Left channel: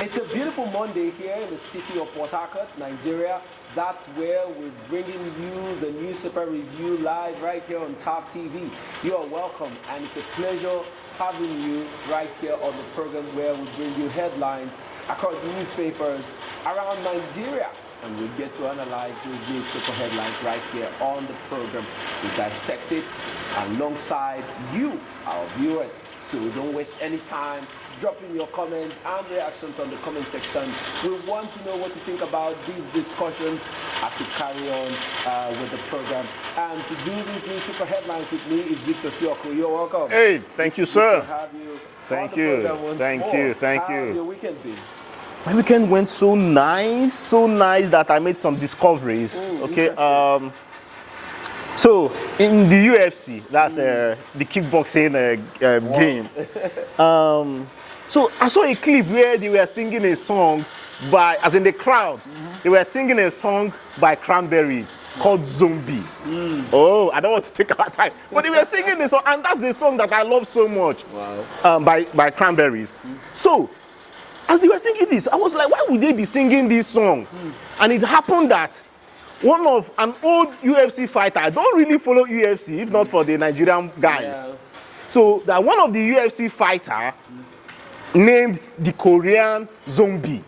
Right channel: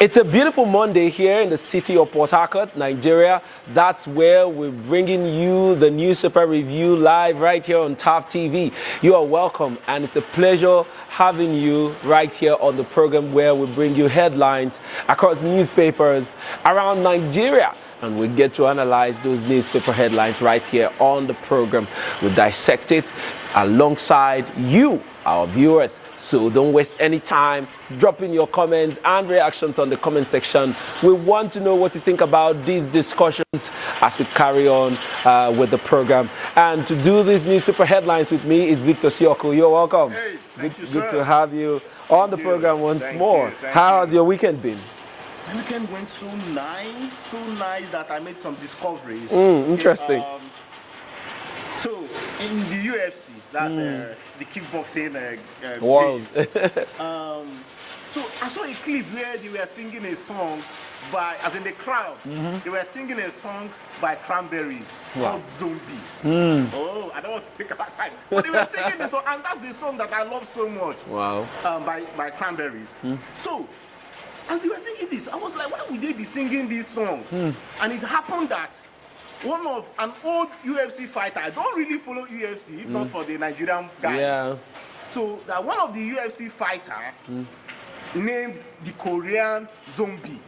It's a beautiful Monday here in the city of Port Harcourt, Nigeria. That's where we're bringing you the newspaper review live right here on Top TV. You are welcome, and it's a pleasure having you right here on the program where we bring you headlines across newspapers around Nigeria. And we get to analyze those newspaper headlines right here on the program. We dissect it alongside you, our viewers. So don't waste any time. Drop in your comments and reactions on the comment section. We want to know what you think about these discussions as we carry on with the program. And to do these newspaper headlines with me is Victor Sioko. You're welcome. Hey, thank you, sir. Good to have you on the program once more. How has your weekend been? My weekend went so nice that I made some discoveries. Interesting. So in the UFC, that's the kickboxing game. So I saw a clip where they were singing a song by, as in the crowd, they were singing a song by Cranberries called Zombie. Oh, I don't want to take our time, but they were singing the song, and that's the song that I love so much. Wow. By Cranberries. So as they were singing this, I was like, why would they be singing this song? And it happened that one of an old UFC fighter, I don't really follow UFC, if not for the Nigerian guys. Yeah. So that one of the UFC fighter named the Korean Zombie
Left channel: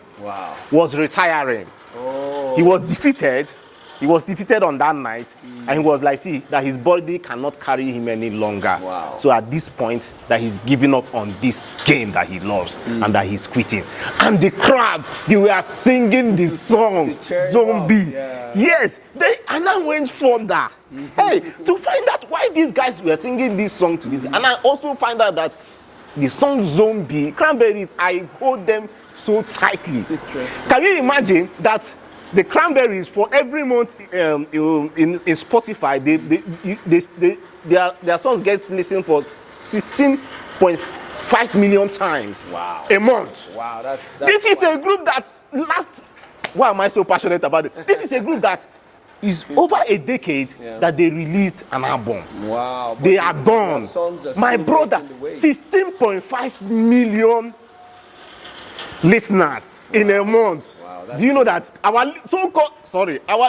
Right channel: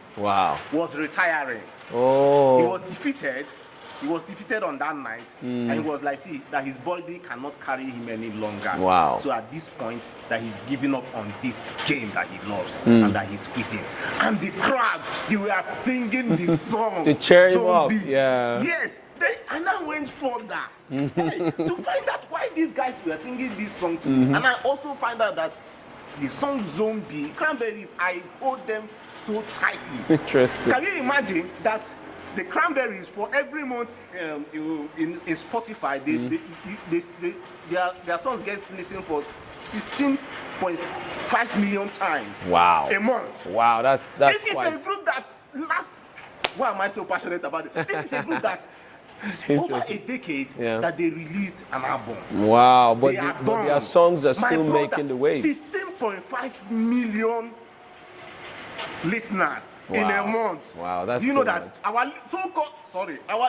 was retiring. Oh. He was defeated. He was defeated on that night, and he was like, see, that his body cannot carry him any longer. Wow. So at this point, that he's giving up on this game that he loves, and that he's quitting. And the crowd, they were singing the song, Zombie. Yeah. Yes, and I went further. Hey, to find out why these guys were singing this song to this. And I also find out that the song Zombie, Cranberries, I hold them so tightly. Interesting. Can you imagine that the Cranberries, for every month in Spotify, their songs get listened for 16.5 million times. Wow. A month. Wow, that's this is a group that lasts. Why am I so passionate about it? This is a group that is over a decade that they released an album. Wow. But they are done. Their songs are My still brother, making the way. 16.5 million listeners in a month. Wow, that's do you know that our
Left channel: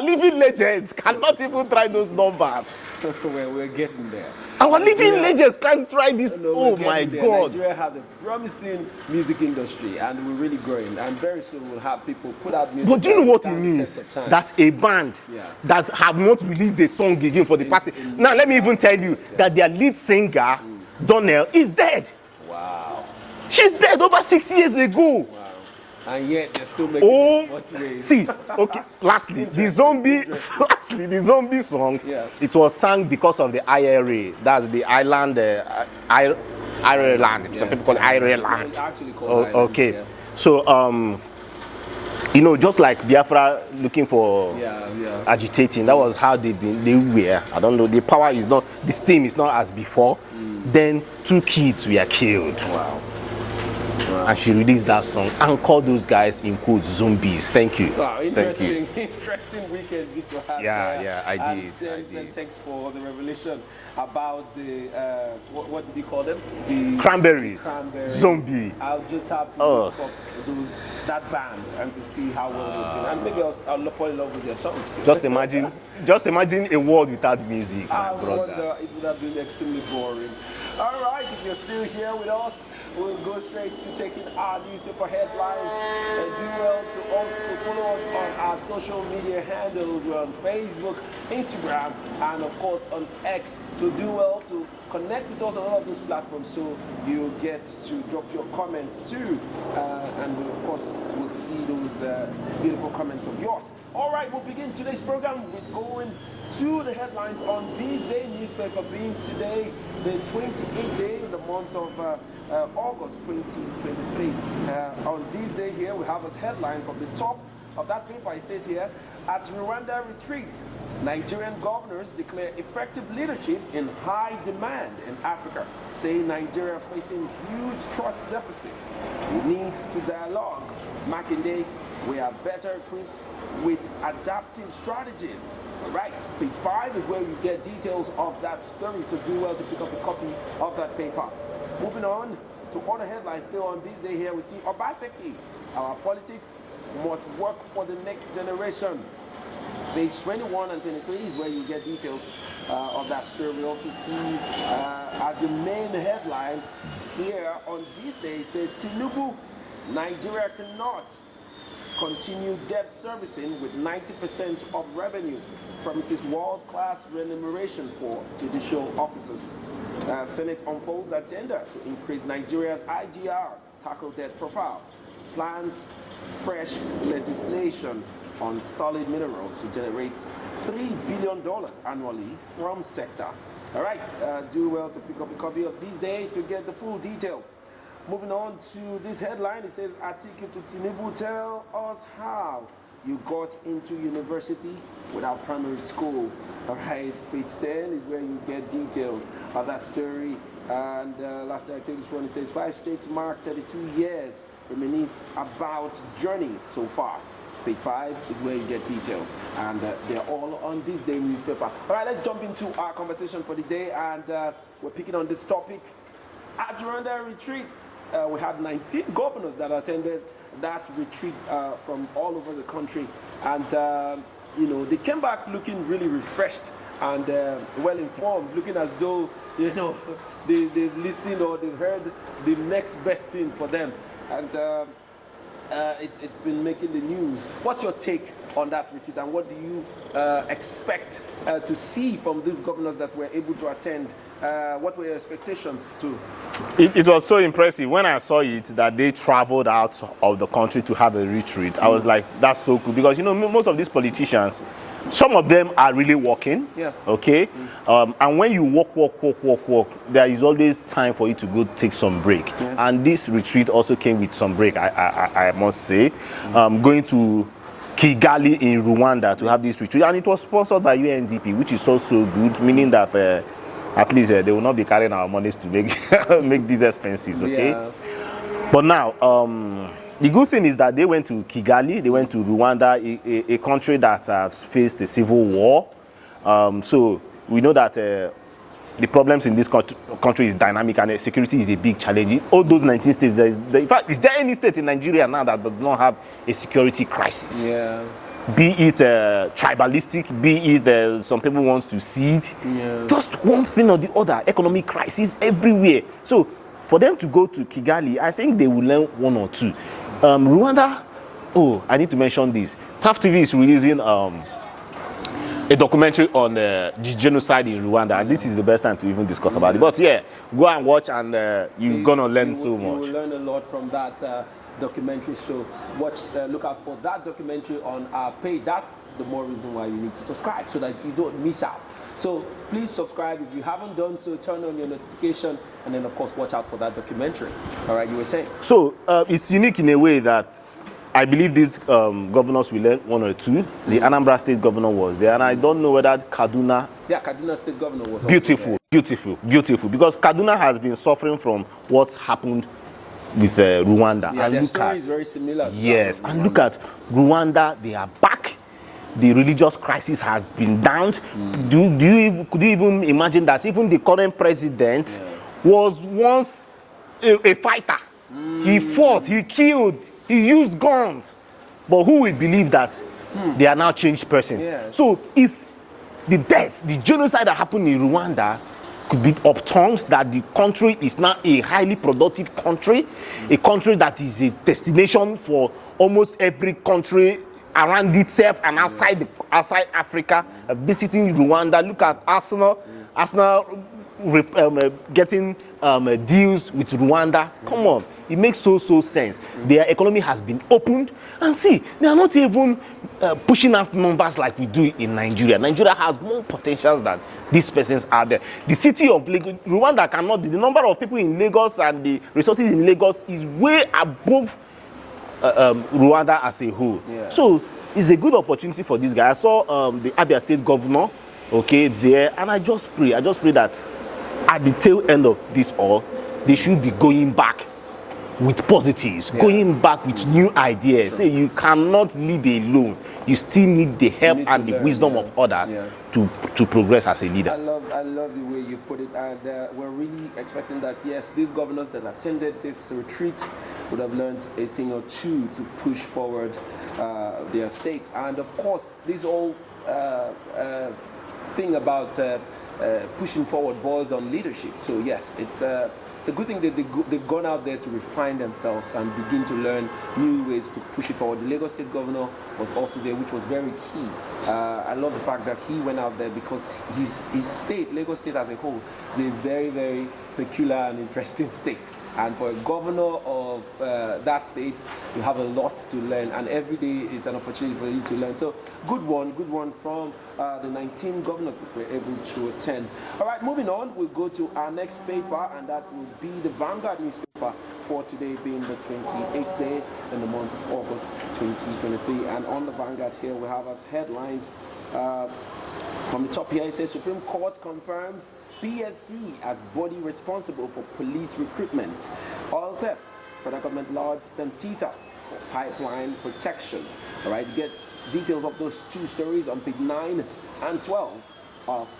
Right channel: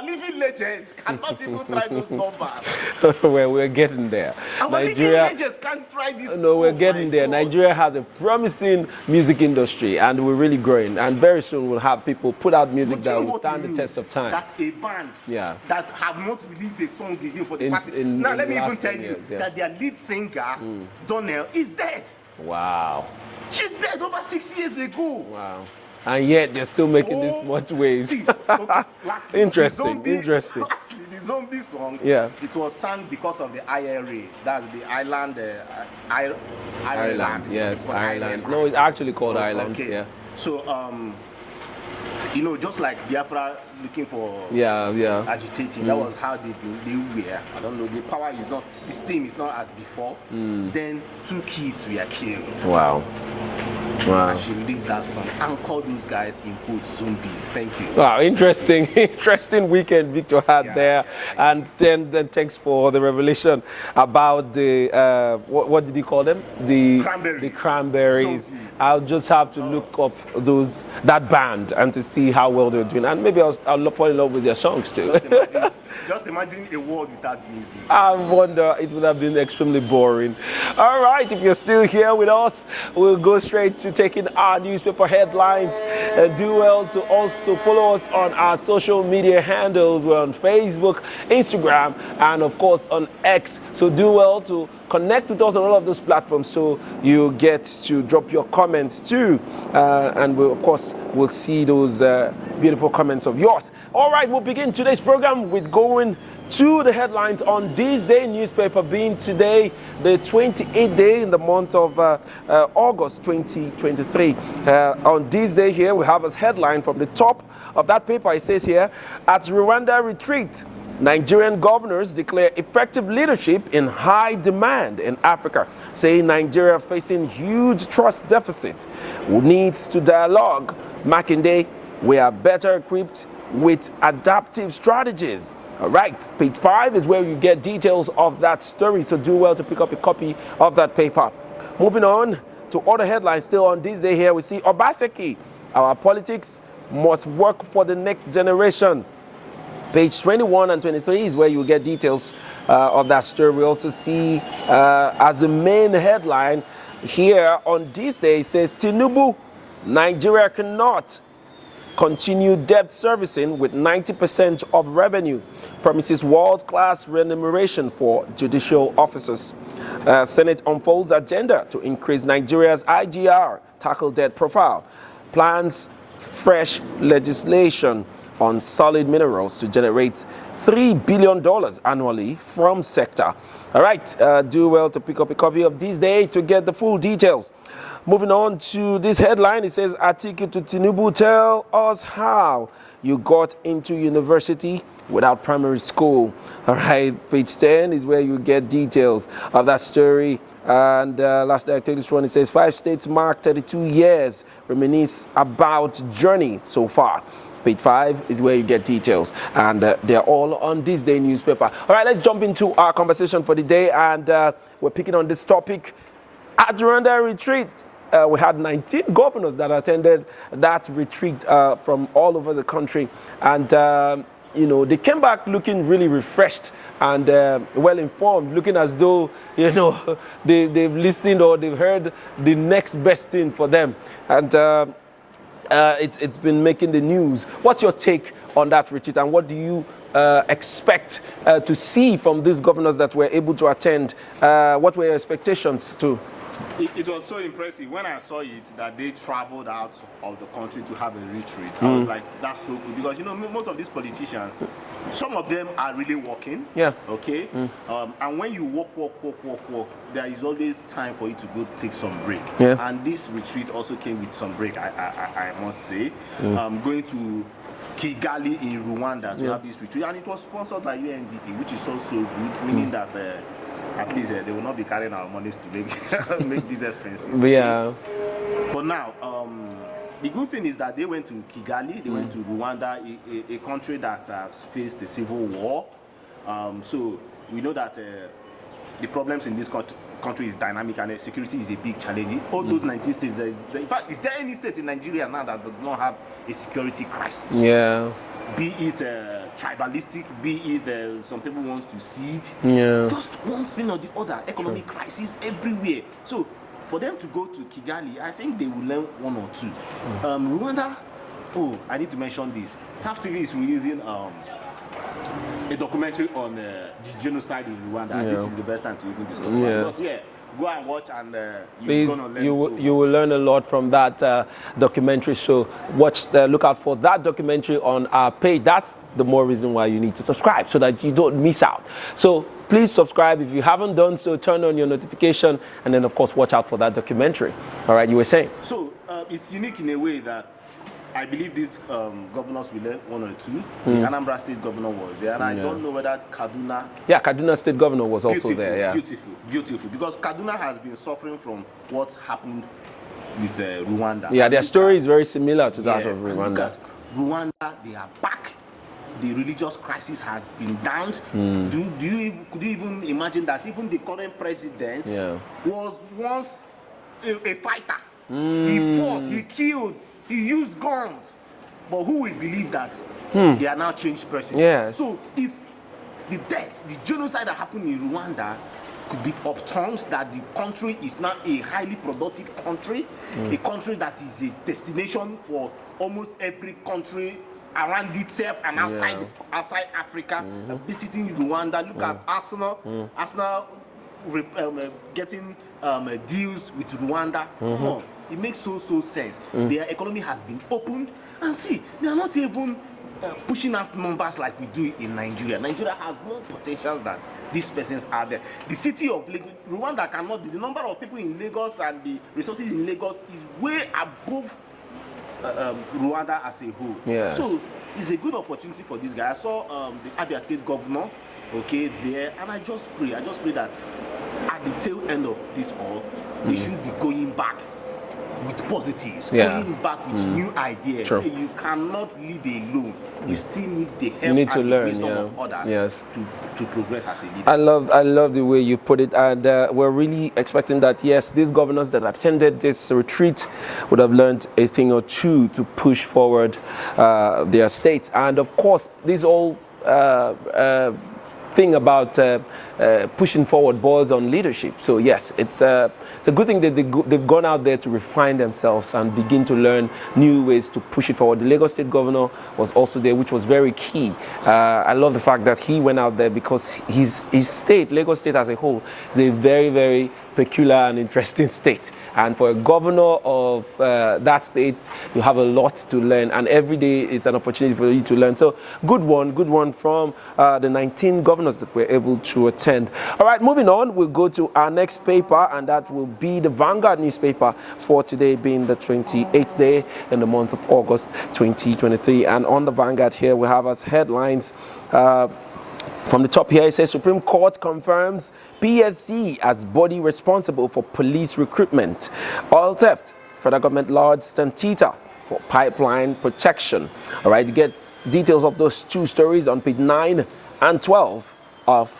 living legends cannot even try those numbers? We're getting there. Our living legends can't try this. No, we're getting there. God. Nigeria has a promising music industry, and we're really growing. And very soon we'll have people put out music. But do you know what it means? Test of time. That a band that have not released a song again for the past. Now let me even tell you that their lead singer, Donnell, is dead. Wow. She's dead over 6 years ago. Wow. And yet they're still making this much waves. See, okay, lastly, the zombie song, it was sung because of the IRA. That's the island, Ireland. Yes, it's called Ireland. No, it's actually called Ireland. Okay. Yeah. So, you know, just like Biafra looking for agitating, that was how they were. I don't know, the power is not, the steam is not as before. Then 2 kids were killed. Wow. And she released that song and called those guys in quotes zombies. Thank you. Wow, interesting, interesting weekend Victor had there. Yeah, I and did. then thanks for the revelation about the what did you call them? The Cranberries. The Cranberries. Zombie. I'll just have to look up that band and to see how well they're doing, and maybe I'll fall in love with their songs too. Just imagine a world without music. I wonder, it would have been extremely boring. All right, if you're still here with us, we'll go straight to taking our newspaper headlines. Do well to also follow us on our social media handles. We're on Facebook, Instagram, and of course on X. So do well to connect with us on all of those platforms so you get to drop your comments too. And we, of course, we'll see those beautiful comments of yours. All right, we'll begin today's program with going to the headlines on this day newspaper, being today the 28th day in the month of August 2023. On this day here, we have as headline from the top of that paper, it says here, at Rwanda retreat, Nigerian governors declare effective leadership in high demand in Africa, saying Nigeria facing huge trust deficit, needs to dialogue. Makinde, we are better equipped with adaptive strategies. All right, page 5 is where you get details of that story, so do well to pick up a copy of that paper. Moving on to other headlines still on this day here, we see Obaseki Our politics must work for the next generation. Page 21 and 23 is where you get details of that story. We also see as the main headline here on this day, it says, Tinubu, Nigeria cannot continue debt servicing with 90% of revenue, promises world-class remuneration for judicial officers. Senate unfolds agenda to increase Nigeria's IGR, tackle debt profile, plans fresh legislation on solid minerals to generate $3 billion annually from sector. All right, do well to pick up a copy of this day to get the full details. Moving on to this headline, it says, Atiku to Tinubu, tell us how you got into university without primary school. All right, page 10 is where you get details of that story. And last day I take this one, it says, 5 states mark 32 years, reminisce about journey so far. Page 5 is where you get details, and they're all on this day newspaper. All right, let's jump into our conversation for the day, and we're picking on this topic. At Rwanda retreat, we had 19 governors that attended that retreat from all over the country, and you know, they came back looking really refreshed and well informed, looking as though, you know, they've listened or they've heard the next best thing for them, and it's been making the news. What's your take on that retreat, and what do you expect to see from these governors that were able to attend? What were your expectations too? It was so impressive when I saw it that they traveled out of the country to have a retreat. I was like, that's so cool, because you know, most of these politicians, some of them are really working. Yeah. Okay. And when you walk, there is always time for you to go take some break. Yeah. And this retreat also came with some break, I must say. Going to Kigali in Rwanda to have this retreat, and it was sponsored by UNDP, which is also good, meaning that at least they will not be carrying our monies to make these expenses. Okay? Yeah. But now, the good thing is that they went to Kigali, they went to Rwanda, a country that has faced a civil war. So we know that the problems in this country is dynamic, and security is a big challenge. All those 19 states, in fact, is there any state in Nigeria now that does not have a security crisis? Yeah. Be it tribalistic, be it some people want to cede. Yeah. Just one thing or the other, economic crisis everywhere. So for them to go to Kigali, I think they will learn one or two. Rwanda, oh, I need to mention this. TAF TV is releasing a documentary on the genocide in Rwanda, and this is the best time to even discuss about it. But yeah, go and watch, and you're gonna learn so much. You will learn a lot from that documentary. So look out for that documentary on our page. That's the more reason why you need to subscribe, so that you don't miss out. So please subscribe. If you haven't done so, turn on your notification, and then of course watch out for that documentary. All right, you were saying. So it's unique in a way that I believe these governors will learn one or two. The Anambra State governor was there, and I don't know whether Kaduna. Yeah, Kaduna State governor was also there. Yeah. Beautiful. Because Kaduna has been suffering from what happened with Rwanda. Yeah, and their story is very similar to that. Yes, and look at Rwanda, they are back. The religious crisis has been downed. Could you even imagine that even the current president was once a fighter? He fought, he killed, he used guns. But who will believe that they are now changed persons? Yeah. So if the deaths, the genocide that happened in Rwanda could be upturned, that the country is now a highly productive country, a country that is a destination for almost every country around itself and outside Africa, visiting Rwanda. Look at Arsenal getting deals with Rwanda. Come on, it makes so sense. Their economy has been opened, and see, they are not even pushing out numbers like we do in Nigeria. Nigeria has more potentials than these persons are there. The city of Lagos, Rwanda cannot. The number of people in Lagos and the resources in Lagos is way above Rwanda as a whole. Yes. So it's a good opportunity for this guy. I saw the Abia State governor, there, and I just pray that at the tail end of this all, they should be going back with positives, Yeah. going back with new ideas. True. Say you cannot lead alone. You still need the help need to and the learn, wisdom yeah. of others Yes. to progress as a leader. I love the way you put it, and we're really expecting that, yes, these governors that attended this retreat would have learned a thing or two to push forward their states. And of course, this whole thing about pushing forward boils on leadership. So yes, it's a good thing that they've gone out there to refine themselves and begin to learn new ways to push it forward. The Lagos State governor was also there, which was very key. I love the fact that he went out there because his state, Lagos State as a whole, is a very, very peculiar and interesting state. And for a governor of that state, you have a lot to learn, and every day it's an opportunity for you to learn. So good one from the 19 governors that were able to attend. All right, moving on, we'll go to our next paper, and that will be the Vanguard newspaper for today, being the 28th day in the month of August 2023. And on the Vanguard here, we have as headlines from the top here, it says Supreme Court confirms PSC as body responsible for police recruitment. Oil theft, federal government lodged Stantita for pipeline protection. All right, you get details of those two stories on page 9 and 12 of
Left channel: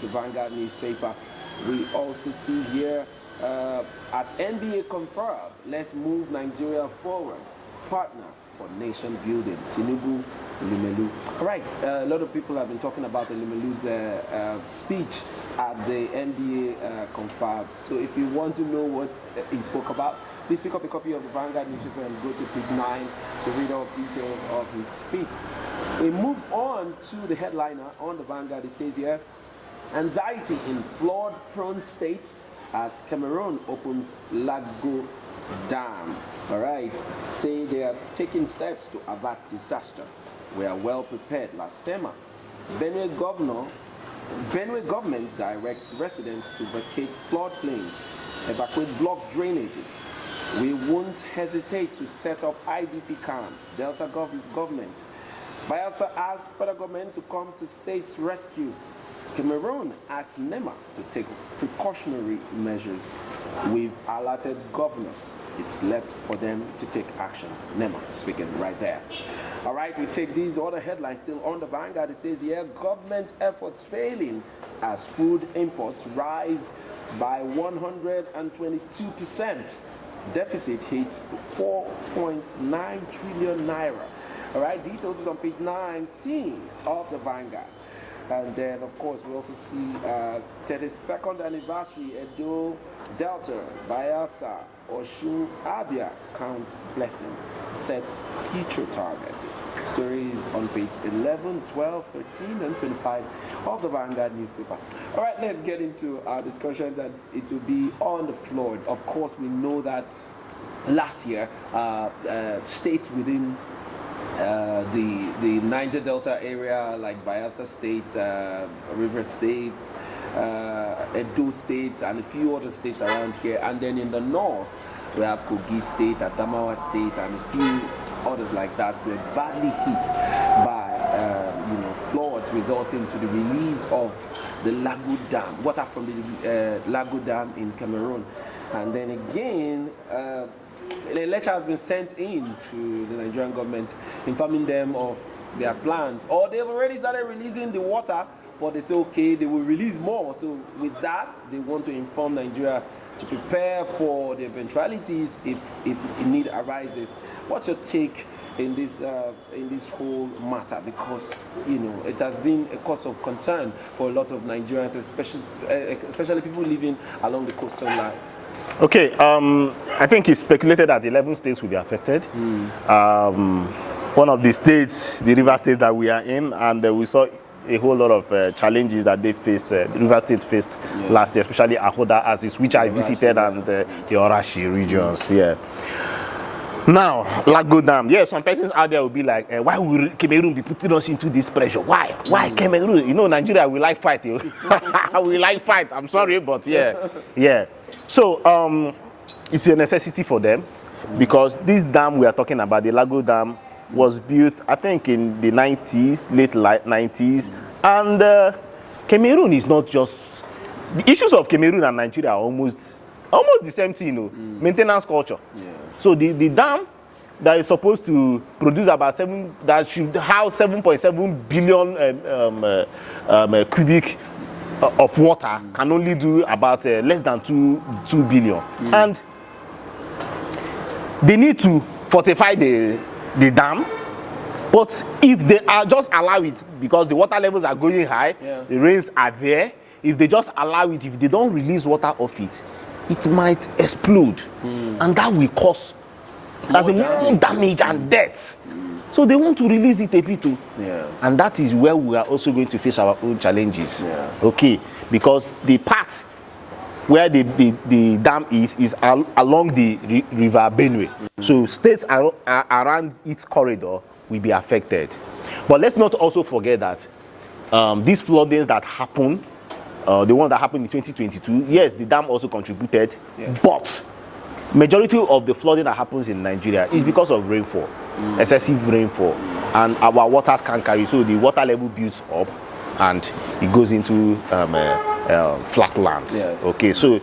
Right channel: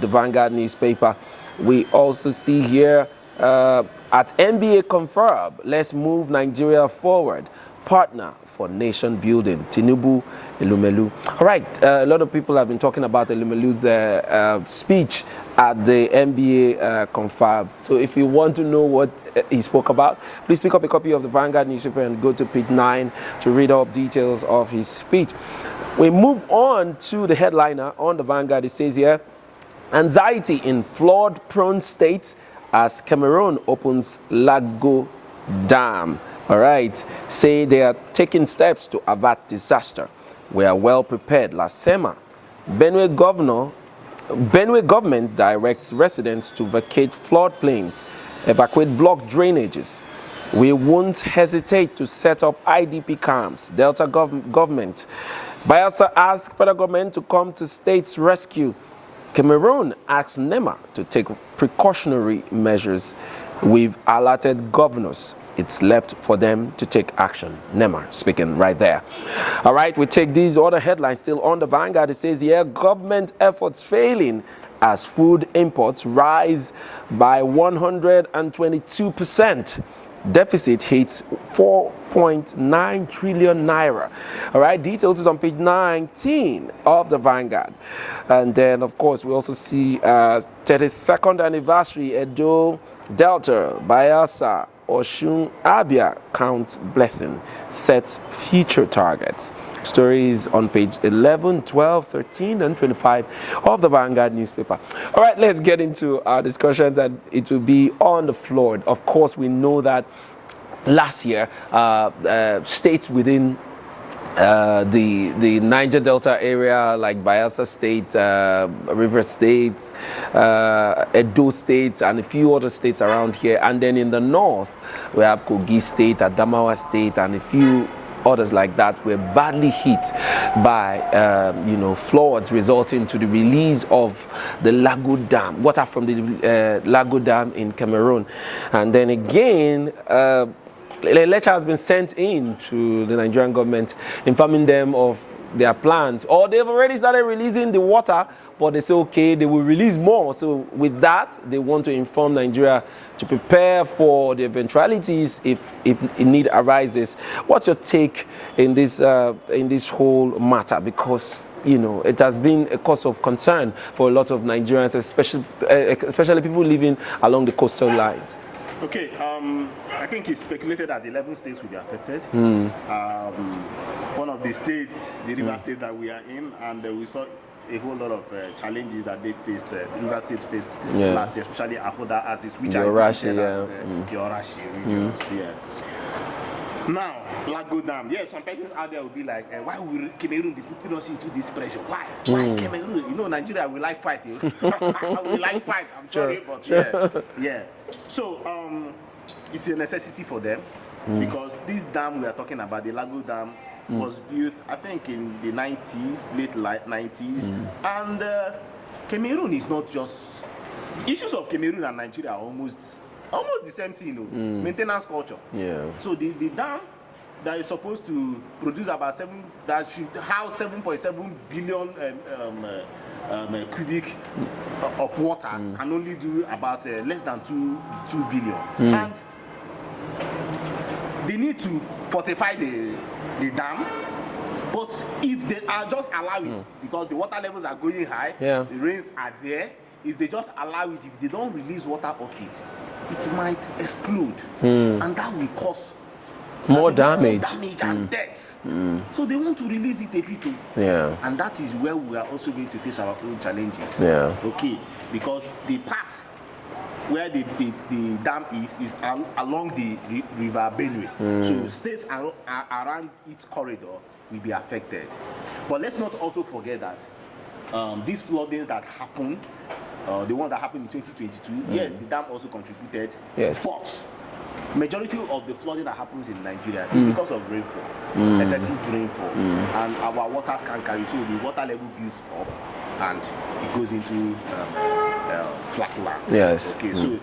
the Vanguard newspaper. We also see here at NBA confirm, let's move Nigeria forward. Partner for nation building, Tinubu, Elumelu. All right, a lot of people have been talking about Elumelu's speech at the NBA confab. So if you want to know what he spoke about, please pick up a copy of the Vanguard newspaper and go to page 9 to read all details of his speech. We move on to the headliner on the Vanguard. It says here, anxiety in flood-prone states as Cameroon opens Lago Dam. All right, say they are taking steps to avert disaster. We are well prepared. Lasema, Benue government directs residents to vacate floodplains, evacuate blocked drainages. We won't hesitate to set up IDP camps. Delta government. Bayelsa asks federal government to come to state's rescue. Cameroon asks NEMA to take precautionary measures. We've alerted governors. It's left for them to take action. NEMA speaking right there. All right, we take these other headlines still on the Vanguard. It says here, government efforts failing as food imports rise by 122%. Deficit hits 4.9 trillion naira. All right, details is on page 19 of the Vanguard. And then, of course, we also see 32nd anniversary Edo, Delta, Bayelsa, Oshun, Abia count blessing, sets future targets. Stories on page 11, 12, 13, and 25 of the Vanguard newspaper. All right, let's get into our discussions, and it will be on the floor. Of course, we know that last year, states within the Niger Delta area, like Bayelsa State, River State, Edo State, and a few other states around here. And then in the north, we have Kogi State, Adamawa State, and a few others like that were badly hit by floods, resulting to the release of the Lago Dam, water from the Lago Dam in Cameroon. And then again, a letter has been sent in to the Nigerian government informing them of their plans, or they've already started releasing the water, but they say, okay, they will release more. So with that, they want to inform Nigeria to prepare for the eventualities if need arises. What's your take in this whole matter? Because it has been a cause of concern for a lot of Nigerians, especially people living along the coastal lines. Okay, I think it's speculated that 11 states will be affected. One of the states, the River State that we are in, and we saw a whole lot of challenges that they faced, River State faced last year, especially Ahoda, which I visited, and the Orashi regions. Now, Lago Dam. Some persons out there will be like, why will Cameroon be putting us into this pressure? Why? Why Cameroon? Nigeria, we like fight. We like fight. I'm sorry, but So, it's a necessity for them because this dam we are talking about, the Lago Dam, was built, I think, in the 90s, late 90s. And Cameroon is not just... The issues of Cameroon and Nigeria are almost almost the same thing, you know, maintenance culture. Yeah. So the dam that is supposed to produce about that should house 7.7 billion cubic of water can only do about less than 2 billion. And they need to fortify the dam. But if they are just allow it, because the water levels are going high, the rains are there, if they just allow it, if they don't release water off it, it might explode. And that will cause more damage and deaths. So they want to release it a bit too. And that is where we are also going to face our own challenges. Okay, because the part where the dam is along the river Benue. So states around its corridor will be affected. But let's not also forget that these floodings that happened, the one that happened in 2022, yes, the dam also contributed, but majority of the flooding that happens in Nigeria is because of rainfall, excessive rainfall, and our waters can't carry, so the water level builds up and it goes into flat lands. Okay, so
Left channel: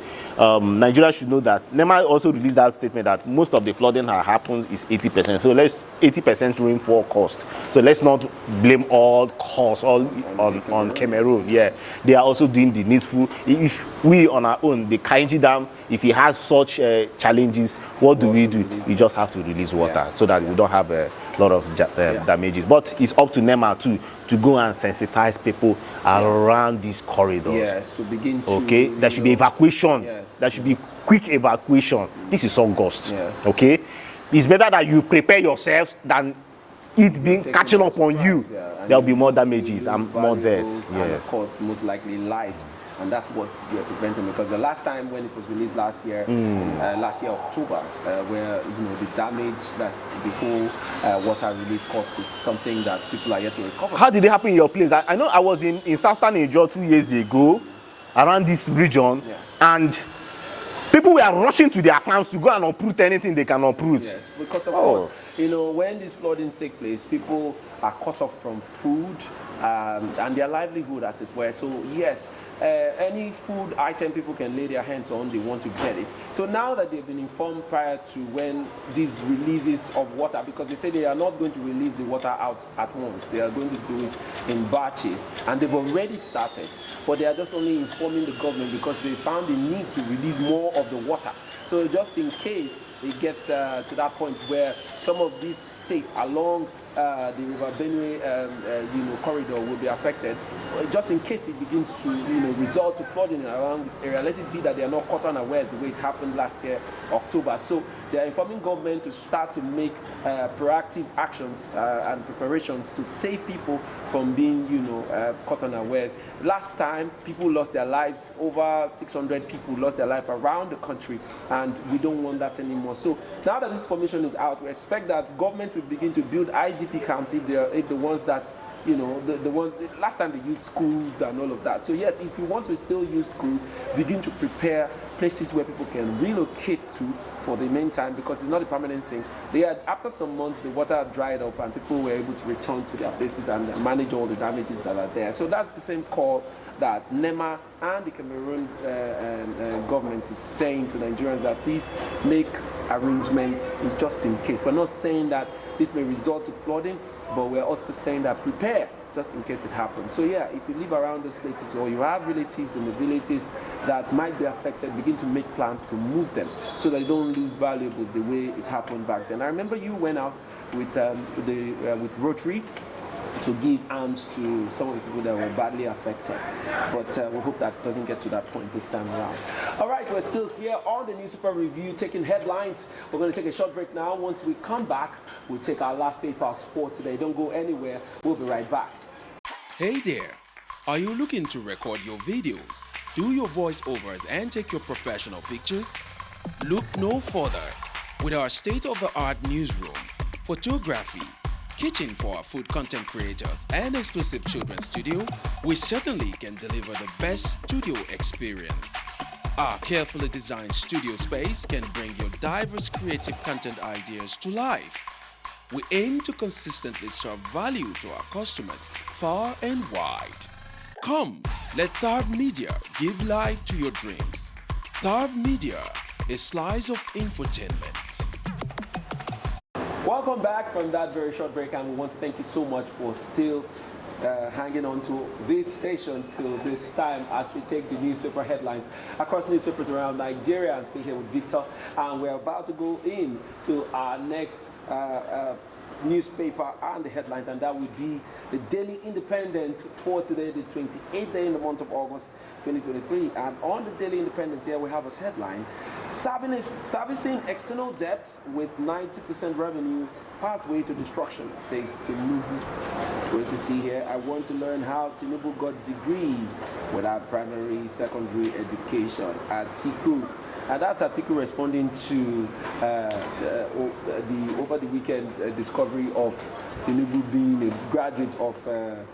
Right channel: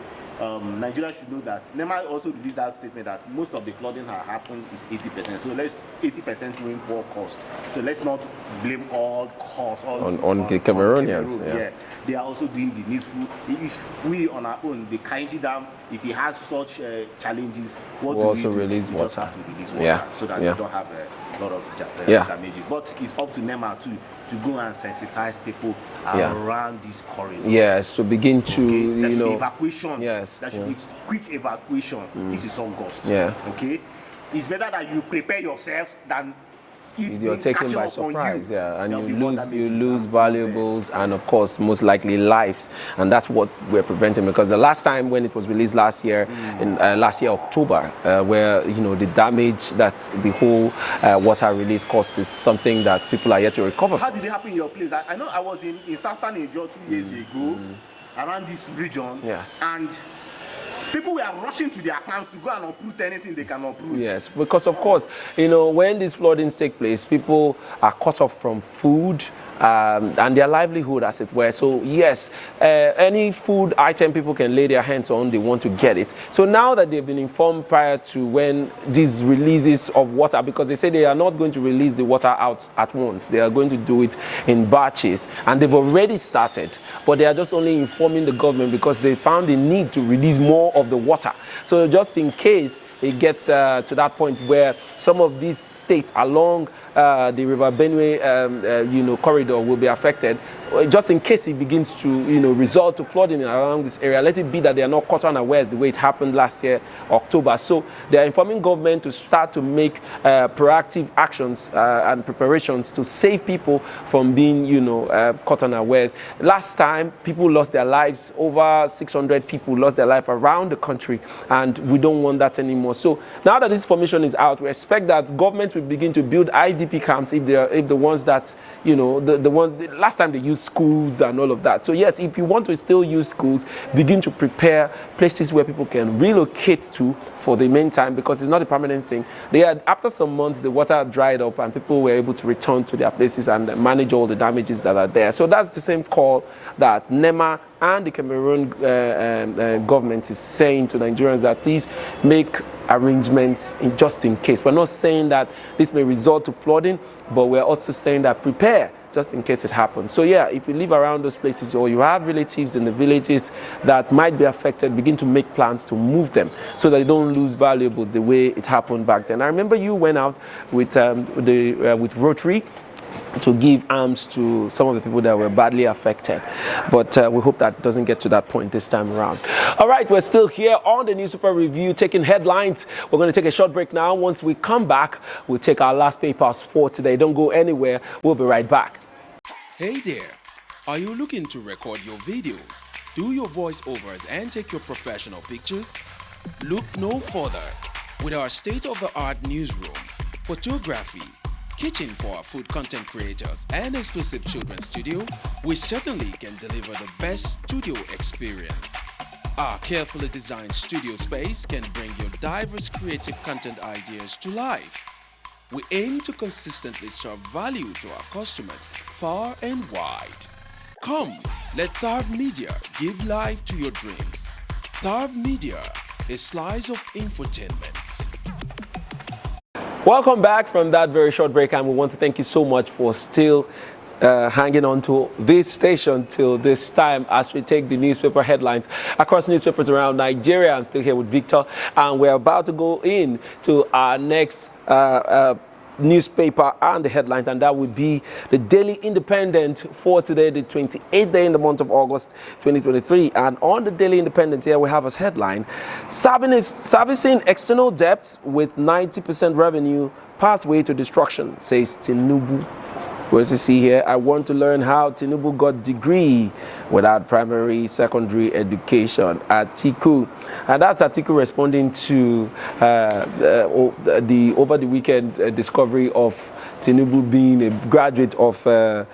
Nigeria should know that. NEMA also released that statement that most of the flooding that happens is 80%. So let's 80% rainfall cost. So let's not blame all costs on Cameroon. They are also doing the needful. If we on our own, the Kainji Dam, if it has such challenges, what do we do? We just have to release water so that we don't have a lot of damages. But it's up to NEMA too to go and sensitize people around these corridors. Yes, to begin to. Okay, there should be evacuation. There should be quick evacuation. This is August. Okay, it's better that you prepare yourself than it being catching up on you. There'll be more damages and more deaths. And of course, most likely lives. And that's what we're preventing, because the last time when it was released last year, in last year October, where the damage that the whole water release caused is something that people are yet to recover. How did it happen in your place? I know I was in Southern Nigeria 2 years ago, around this region, and people were rushing to their farms to go and uproot anything they can uproot. Yes, because of course, when these floodings take place, people are cut off from food and their livelihood, as it were. So yes, any food item people can lay their hands on, they want to get it. So now that they've been informed prior to when these releases of water, because they say they are not going to release the water out at once, they are going to do it in batches, and they've already started, but they are just only informing the government because they found the need to release more of the water. So just in case it gets to that point where some of these states along the River Benue, corridor will be affected, just in case it begins to, result to flooding around this area, let it be that they are not caught unawares the way it happened last year, October. So they are informing government to start to make proactive actions and preparations to save people from being, caught unawares. Last time, people lost their lives. Over 600 people lost their life around the country, and we don't want that anymore. So now that this information is out, we expect that government will begin to build IDP camps if the ones that, last time they used schools and all of that. So yes, if you want to still use schools, begin to prepare places where people can relocate to for the meantime, because it's not a permanent thing. After some months, the water dried up and people were able to return to their places and manage all the damages that are there. So that's the same call that NEMA and the Cameroon government is saying to Nigerians, that please make arrangements just in case. We're not saying that this may result to flooding, but we're also saying that prepare just in case it happens. So yeah, if you live around those places or you have relatives in the villages that might be affected, begin to make plans to move them so that they don't lose valuable the way it happened back then. I remember you went out with with Rotary to give arms to some of the people that were badly affected. But we hope that doesn't get to that point this time around. All right, we're still here on the Newspaper Review, taking headlines. We're going to take a short break now. Once we come back, we'll take our last papers for today. Don't go anywhere. We'll be right back. Hey there. Are you looking to record your videos, do your voiceovers, and take your professional pictures? Look no further. With our state-of-the-art newsroom, photography, kitchen for our food content creators, and exclusive children's studio, we certainly can deliver the best studio experience. Our carefully designed studio space can bring your diverse creative content ideas to life. We aim to consistently serve value to our customers far and wide. Come, let Third Media give life to your dreams. Tarv Media, a slice of infotainment. Welcome back from that very short break, and we want to thank you so much for still hanging on to this station till this time as we take the newspaper headlines across newspapers around Nigeria. I'm still here with Victor, and we're about to go in to our next newspaper and the headlines, and that would be the Daily Independent for today, the 28th day in the month of August 2023. And on the Daily Independent here we have as headline, servicing external debts with 90% revenue, pathway to destruction, says Tinubu. We also see here, I want to learn how Tinubu got degree without primary, secondary education. Atiku. And that's Atiku responding to the over the weekend discovery of Tinubu being a graduate of a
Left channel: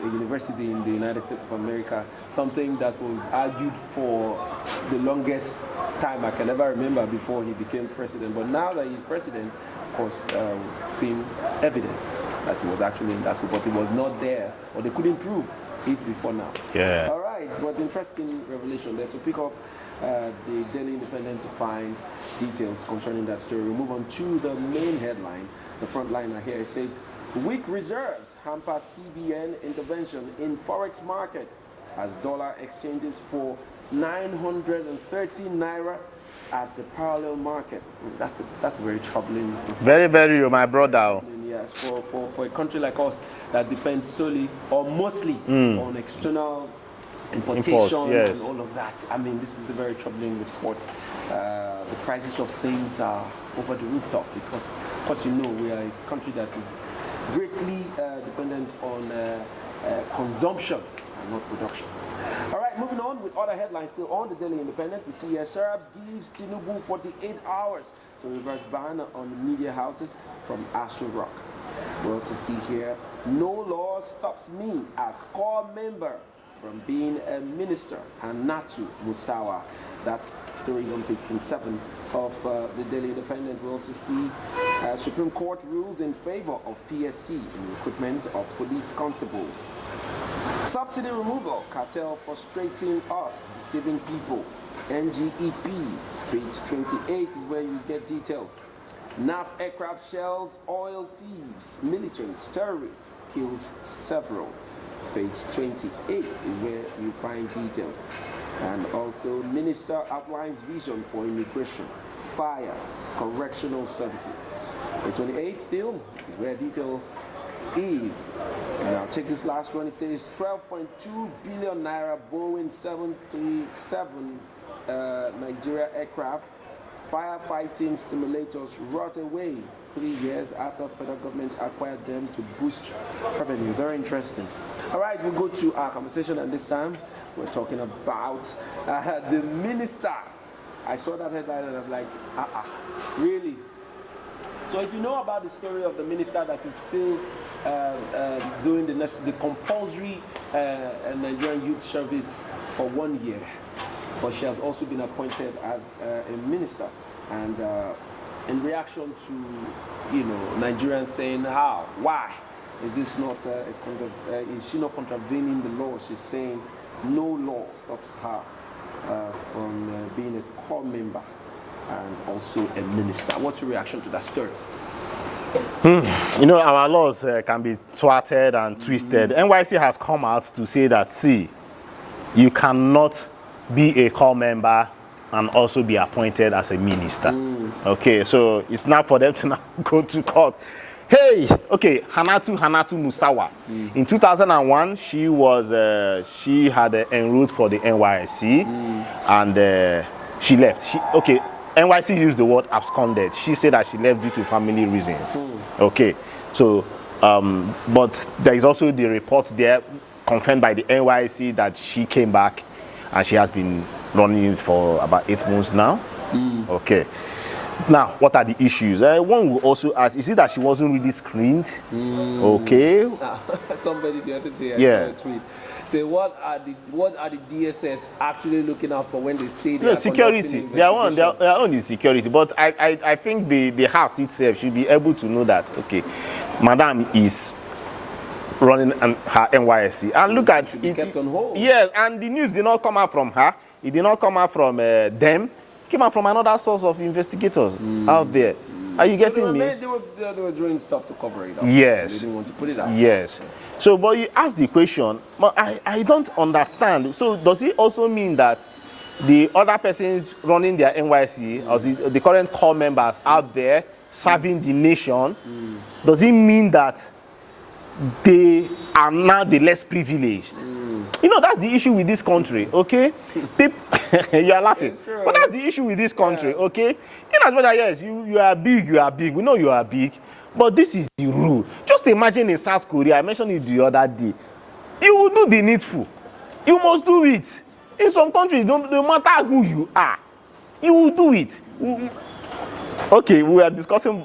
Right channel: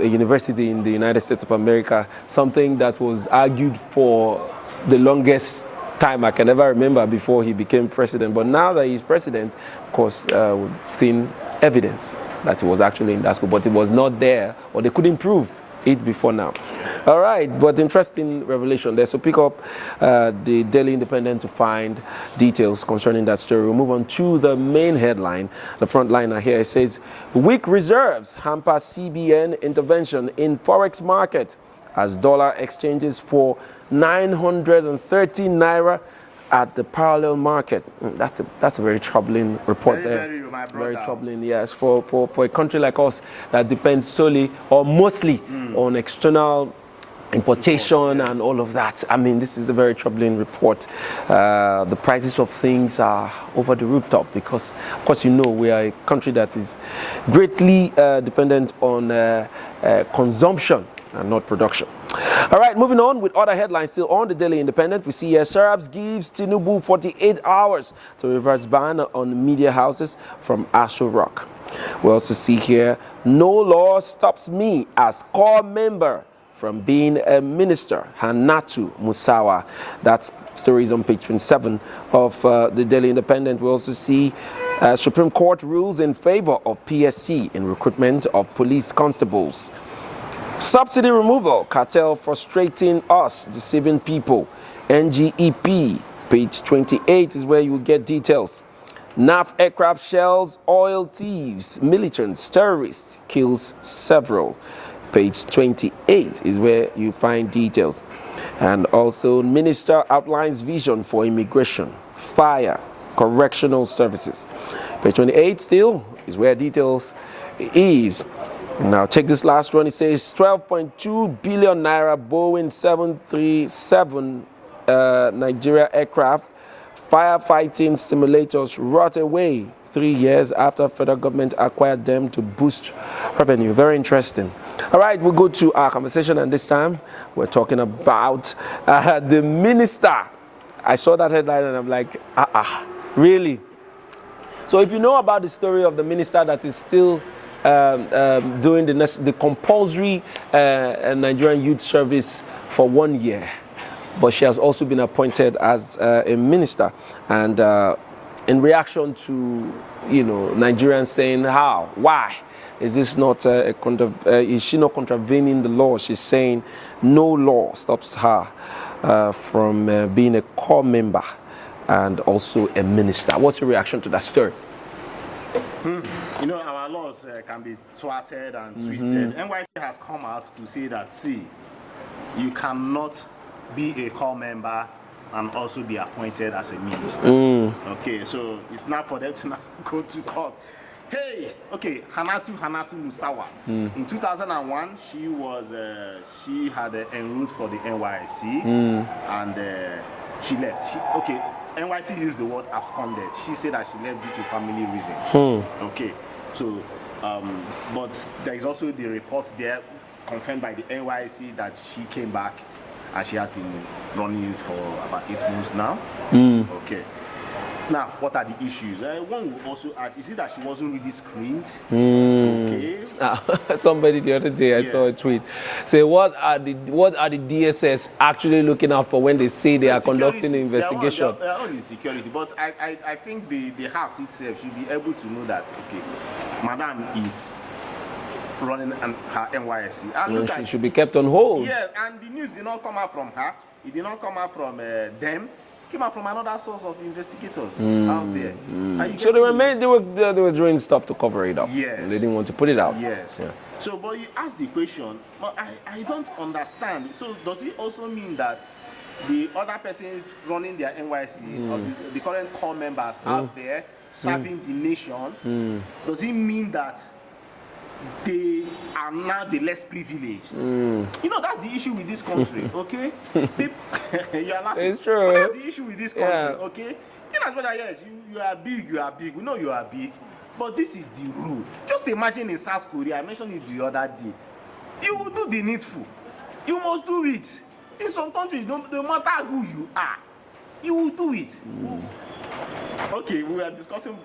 university in the United States of America, something that was argued for the longest time I can ever remember before he became president. But now that he's president, of course, we've seen evidence that he was actually in that school, but it was not there, or they couldn't prove it before now. Yeah. All right, but interesting revelation there. So pick up the Daily Independent to find details concerning that story. We'll move on to the main headline. The front liner here, it says, weak reserves hamper CBN intervention in forex market as dollar exchanges for 930 naira at the parallel market. That's a very troubling report. Very, my brother. Very troubling, yes, for a country like us that depends solely or mostly on external importation Imports, yes. and all of that. I mean, this is a very troubling report. The prices of things are over the rooftop because, of course, you know, we are a country that is greatly dependent on consumption and not production. All right, moving on with other headlines still on the Daily Independent. We see here, Serabs gives Tinubu 48 hours to reverse ban on media houses from Aso Rock. We also see here, no law stops me as core member from being a minister, Hannatu Musawa. That story is on page 27 of the Daily Independent. We also see Supreme Court rules in favor of PSC in recruitment of police constables. Subsidy removal, cartel frustrating us, deceiving people. NGEP, page 28 is where you will get details. NAF aircraft shells, oil thieves, militants, terrorists, kills several. Page 28 is where you find details. And also, minister outlines vision for immigration, fire, correctional services. Page 28 still is where details is. Now, take this last one. It says 12.2 billion naira Boeing 737 Nigeria aircraft firefighting simulators rot away 3 years after federal government acquired them to boost revenue. Very interesting. All right, we'll go to our conversation, and this time we're talking about the minister. I saw that headline and I'm like, really? So if you know about the story of the minister that is still doing the compulsory Nigerian youth service for 1 year, but she has also been appointed as a minister, and in reaction to, you know, Nigerians saying how, why is this not is she not contravening the law? She's saying no law stops her from being a core member and also a minister. What's your reaction to that story? You know, our laws can be thwarted and twisted. NYSC has come out to say that, see, you cannot be a core member and also be appointed as a minister. Okay, so it's not for them to now go to court. Hey, okay, Hannatu Musawa. In 2001, she had enrolled for the NYSC, and she left. NYSC used the word absconded. She said that she left due to family reasons. Okay, so, but there is also the report there confirmed by the NYSC that she came back and she has been running it for about 8 months now. Okay. Now, what are the issues? One will also ask, is it that she wasn't really screened? Okay. Somebody the other day, I saw a tweet. Say, what are the DSS actually looking out for when they say they are conducting an investigation? They are only security, but I think the house itself should be able to know that, okay, Madam is running her NYSC. And look at it. Should be kept on hold. Yes, and the news did not come out from her. it did not come out from them. It came out from another source of investigators out there. Are you getting me? They were doing stuff to cover it up. Yes. They didn't want to put it out. Yes. Yeah. So, but you ask the question, but I don't understand. So, does it also mean that the other persons running their NYSC, or the current core members out there serving the nation, does it mean that they are now the less privileged? You know, that's the issue with this country, okay? People, you are laughing. It's true. But that's the issue with this country, okay? In as much as, yes, you are big, you are big. We know you are big. But this is the rule. Just imagine in South Korea, I mentioned it the other day, you will do the needful. You must do it. In some countries, no matter who you are, you will do it. Okay, we were discussing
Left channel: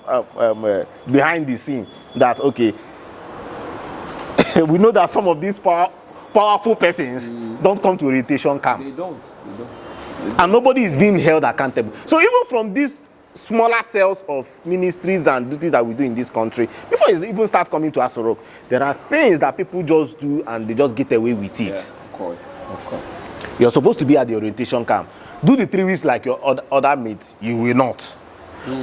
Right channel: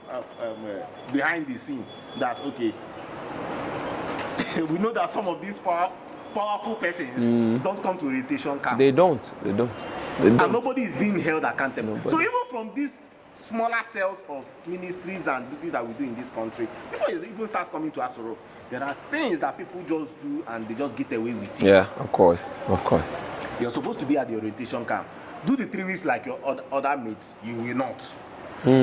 behind the scene that, okay, we know that some of these powerful persons don't come to orientation camp. They don't. And nobody is being held accountable. So even from these smaller cells of ministries and duties that we do in this country, before it even starts coming to Aso Rock, there are things that people just do and they just get away with it. Yeah, of course. You're supposed to be at the orientation camp. Do the 3 weeks like your other mates, you will not.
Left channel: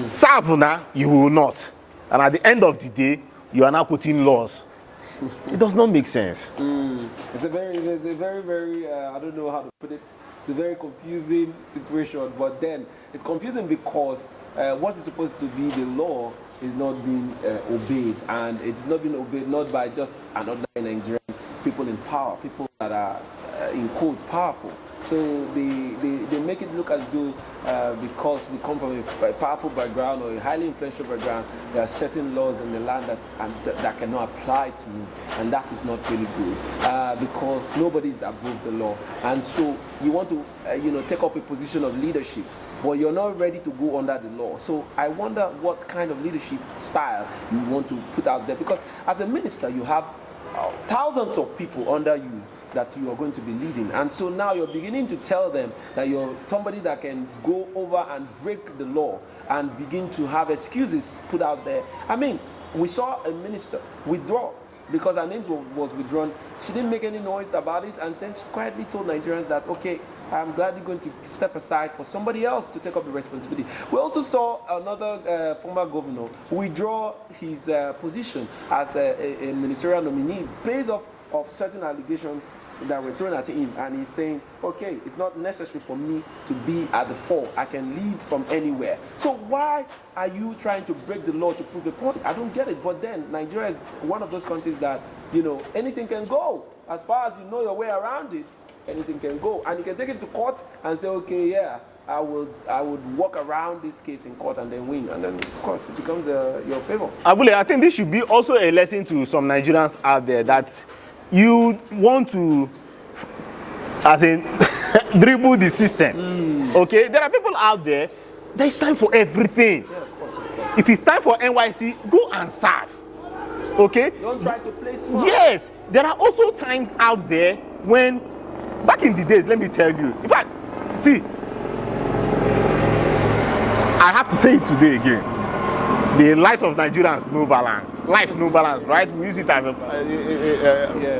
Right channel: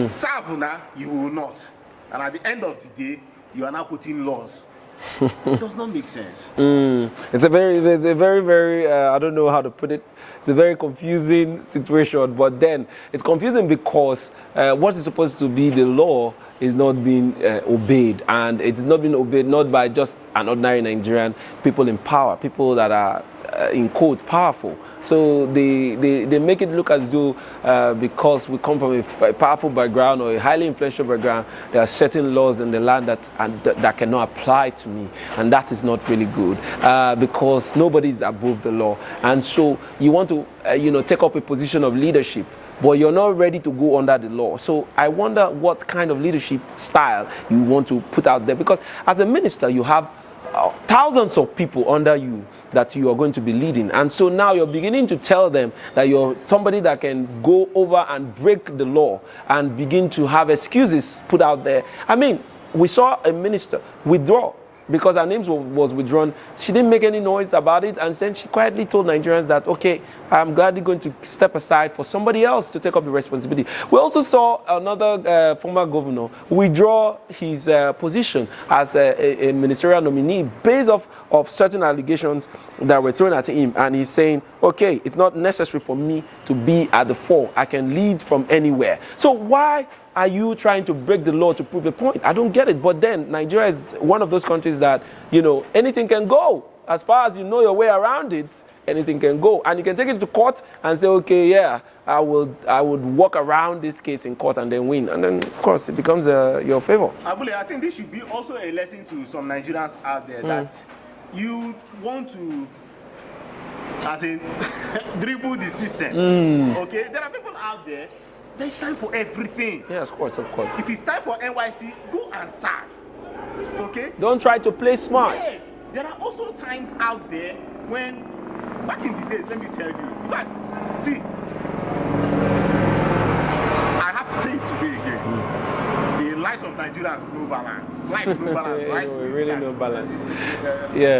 Serve now, you will not. And at the end of the day, you are now putting laws. It does not make sense. It's a very, I don't know how to put it. It's a very confusing situation, but then it's confusing because what is supposed to be the law is not being obeyed, and it is not being obeyed not by just an ordinary Nigerian, people in power, people that are, in quote, powerful. So they make it look as though because we come from a powerful background or a highly influential background, there are certain laws in the land that cannot apply to me, and that is not really good because nobody is above the law. And so you want to take up a position of leadership, but you're not ready to go under the law. So I wonder what kind of leadership style you want to put out there, because as a minister you have thousands of people under you that you are going to be leading, and so now you're beginning to tell them that you're somebody that can go over and break the law and begin to have excuses put out there. I mean, we saw a minister withdraw because her name was withdrawn. She didn't make any noise about it, and then she quietly told Nigerians that, okay, I'm gladly going to step aside for somebody else to take up the responsibility. We also saw another former governor withdraw his position as a ministerial nominee based off of certain allegations that were thrown at him, and he's saying, okay, it's not necessary for me to be at the fore. I can lead from anywhere. So why are you trying to break the law to prove a point? I don't get it. But then Nigeria is one of those countries that, anything can go. As far as you know your way around it, anything can go. And you can take it to court and say, okay, yeah, I would walk around this case in court and then win. And then, of course, it becomes your favor. Abule, I think this should be also a lesson to some Nigerians out there that you want to, as in, dribble the system. Okay? There are people out there, there's time for everything. Yes, of course. If it's time for NYSC, go and serve. Okay? Don't try to play smart. Yes. There are also times out there when, back in the days, let me tell you. In fact, see, I have to say it today again. The lives of Nigerians, no balance. Life, no balance, right? We use it as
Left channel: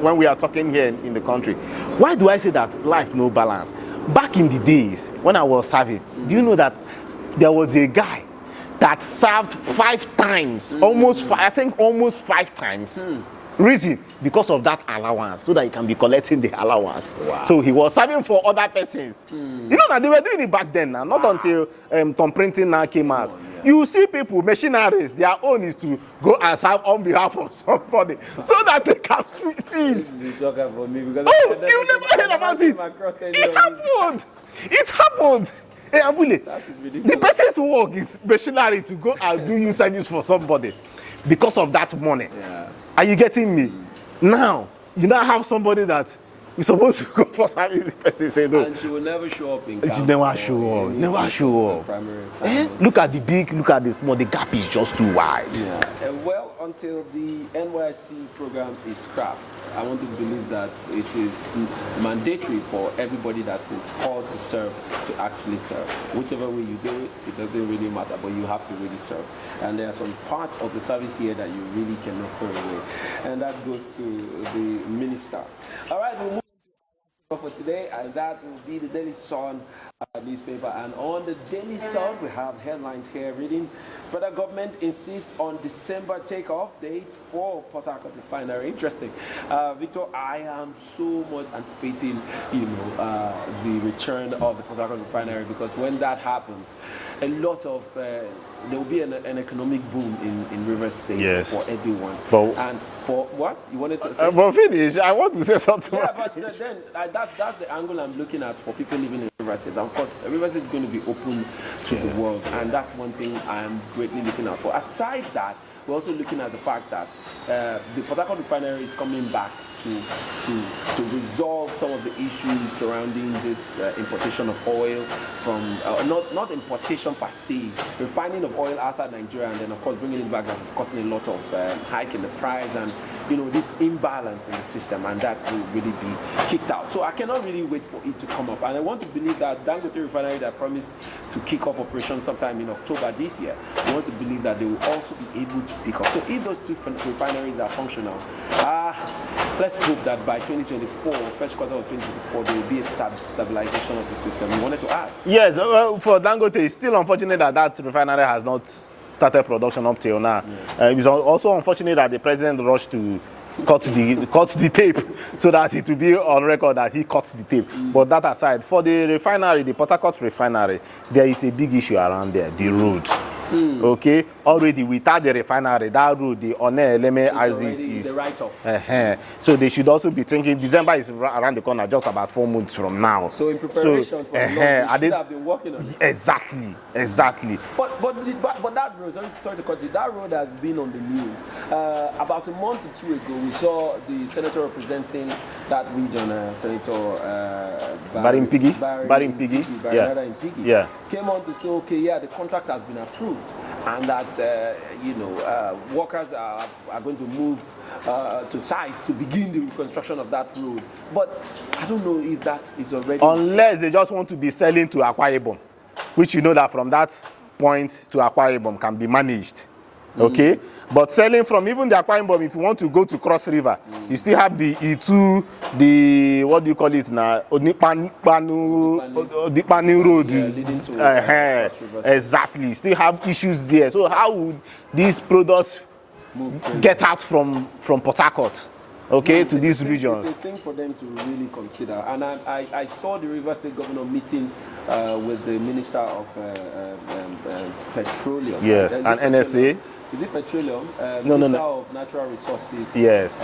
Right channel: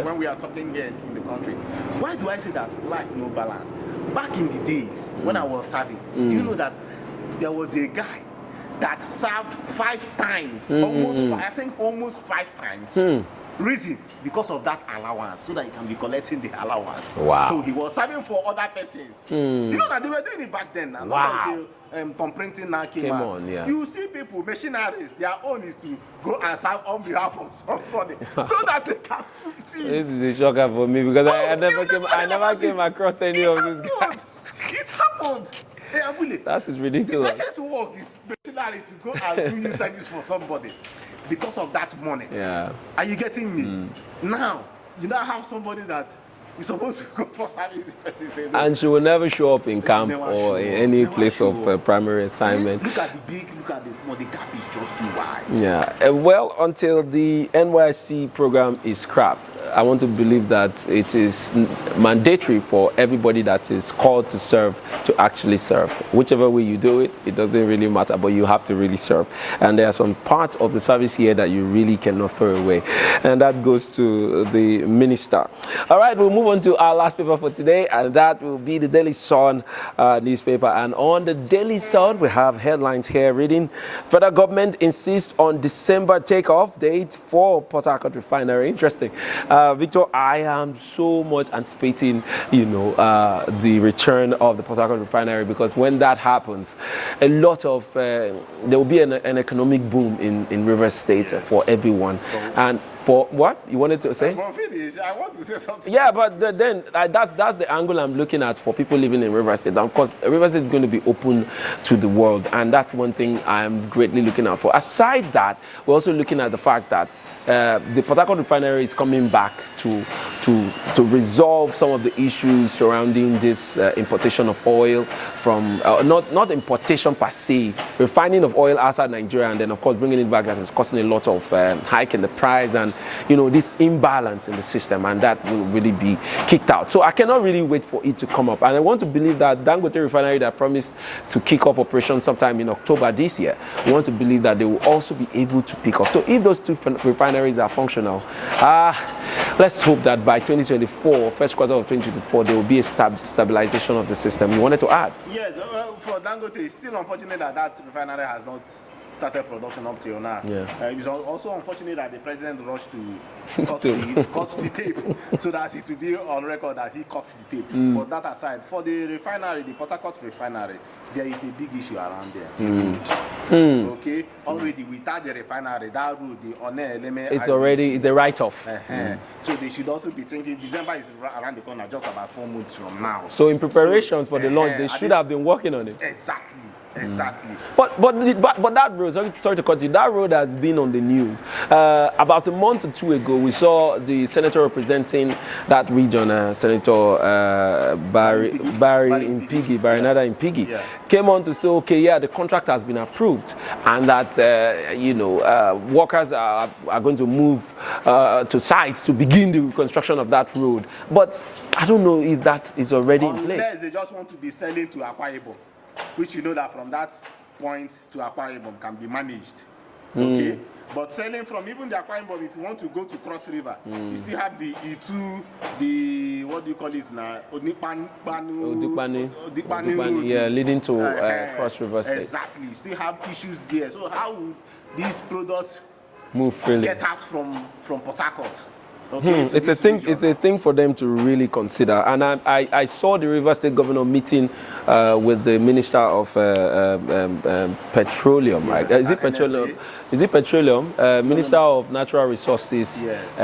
when we are talking here in the country. Why do I say that life, no balance? Back in the days, when I was serving, do you know that there was a guy that served 5 times, almost 5 times. Reason, because of that allowance, so that he can be collecting the allowance. Wow. So he was serving for other persons. You know that they were doing it back then now, not until Tom Printing now came out. Yeah. You see people, machineries, their own is to go and serve on behalf of somebody so that they can feed. This is a shocker for me because I never came across any of this. It happened. Hey, Abule, that is ridiculous. The person's work is machinery to go and do you service for somebody because of that money. Yeah. Are you getting me? Now, you now have somebody that you're supposed to go for service, the person say no. And she will never show up in camp or any place of primary assignment. Look at the big, look at the small, the gap is just too wide. Yeah. Well, until the NYSC program is scrapped, I want to believe that it is mandatory for everybody that is called to serve to actually serve. Whichever way you do it, it doesn't really matter, but you have to really serve. And there are some parts of the service here that you really cannot throw away. And that goes to the minister. All right, we'll move on to our last paper for today, and that will be the Daily Sun newspaper. And on the Daily Sun, we have headlines here reading, Federal government insists on December takeoff date for Port Harcourt refinery. Interesting. Victor, I am so much anticipating, the return of the Port Harcourt refinery, because when that happens, a lot of, there will be an economic boom in Rivers State for everyone. And for what? You wanted to say? But finish. I want to say something. Yeah, but then that's the angle I'm looking at for people living in Rivers State. And of course, Rivers State is going to be open to the world, and that's one thing I'm greatly looking out for. Aside that, we're also looking at the fact that the Port Harcourt refinery is coming back to resolve some of the issues surrounding this importation of oil from, not importation per se, refining of oil outside Nigeria, and then of course bringing it back, that is causing a lot of hike in the price, and this imbalance in the system, and that will really be kicked out. So I cannot really wait for it to come up, and I want to believe that Dangote refinery that promised to kick off operation sometime in October this year, we want to believe that they will also be able to pick up. So if those two refineries are functional, let's hope that by 2024, first quarter of 2024, there will be a stabilization of the system. We wanted to ask. Yes, for Dangote, it's still unfortunate that refinery has not started production up till now. Yeah. It's also unfortunate that the president rushed to cut the tape so that it will be on record that he cuts the tape. But that aside, for the refinery, the Port Harcourt refinery, there is a big issue around there, the road. Okay, already without the refinery, that road, the One Eleme is a write-off. So they should also be thinking, December is around the corner, just about 4 months from now. So in preparations for the launch, they should have been working on it. Exactly. But that road, sorry to cut you, that road has been on the news. About a month or two ago, we saw the senator representing that region, Senator Barry Impigi, came on to say, okay, yeah, the contract has been approved, and that workers are going to move to sites to begin the reconstruction of that road. But I don't know if that is already unless they just want to be selling to Akwa Ibom, which you know that from that point to Akwa Ibom can be managed. Okay, but selling from even the Akwa Ibom, if you want to go to Cross River, you still have the Itu, the what do you call it now, Odipani Road, leading to Cross River. Exactly, still have issues there. So how would these products get out from Port Harcourt? Okay, to it's a thing for them to really consider. And I saw the Rivers State governor meeting with the Minister of Petroleum. Yes, right? Is it Petroleum? Minister of Natural Resources. Yes.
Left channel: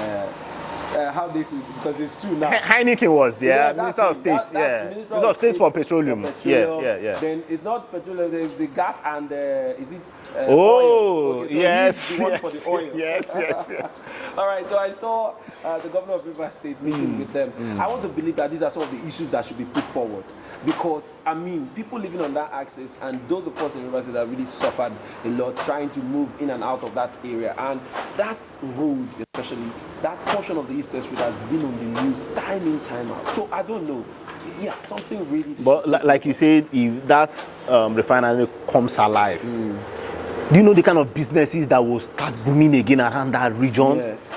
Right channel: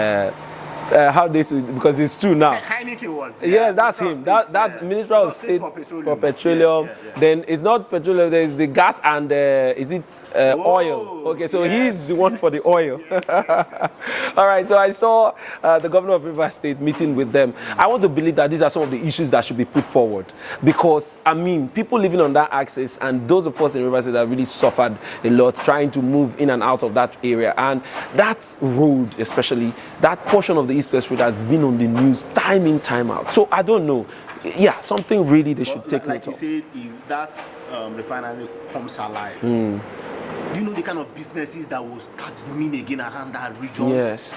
How this is, because it's true now. Heineken was there. Yeah, that's him. That's Minister of State for Petroleum. Then it's not petroleum. There's the gas and is it oil? Okay, so he's the one for the oil. Yes. All right. So I saw the governor of Rivers State meeting with them. I want to believe that these are some of the issues that should be put forward, because I mean, people living on that axis and those of us in Rivers State have really suffered a lot trying to move in and out of that area, and that road, especially that portion of the East-West Road, has been on the news time in, time out. So I don't know. Yeah, something really they should take. Like you said, if that refinery comes alive, do you know the kind of businesses that will start booming again around that region? Yes.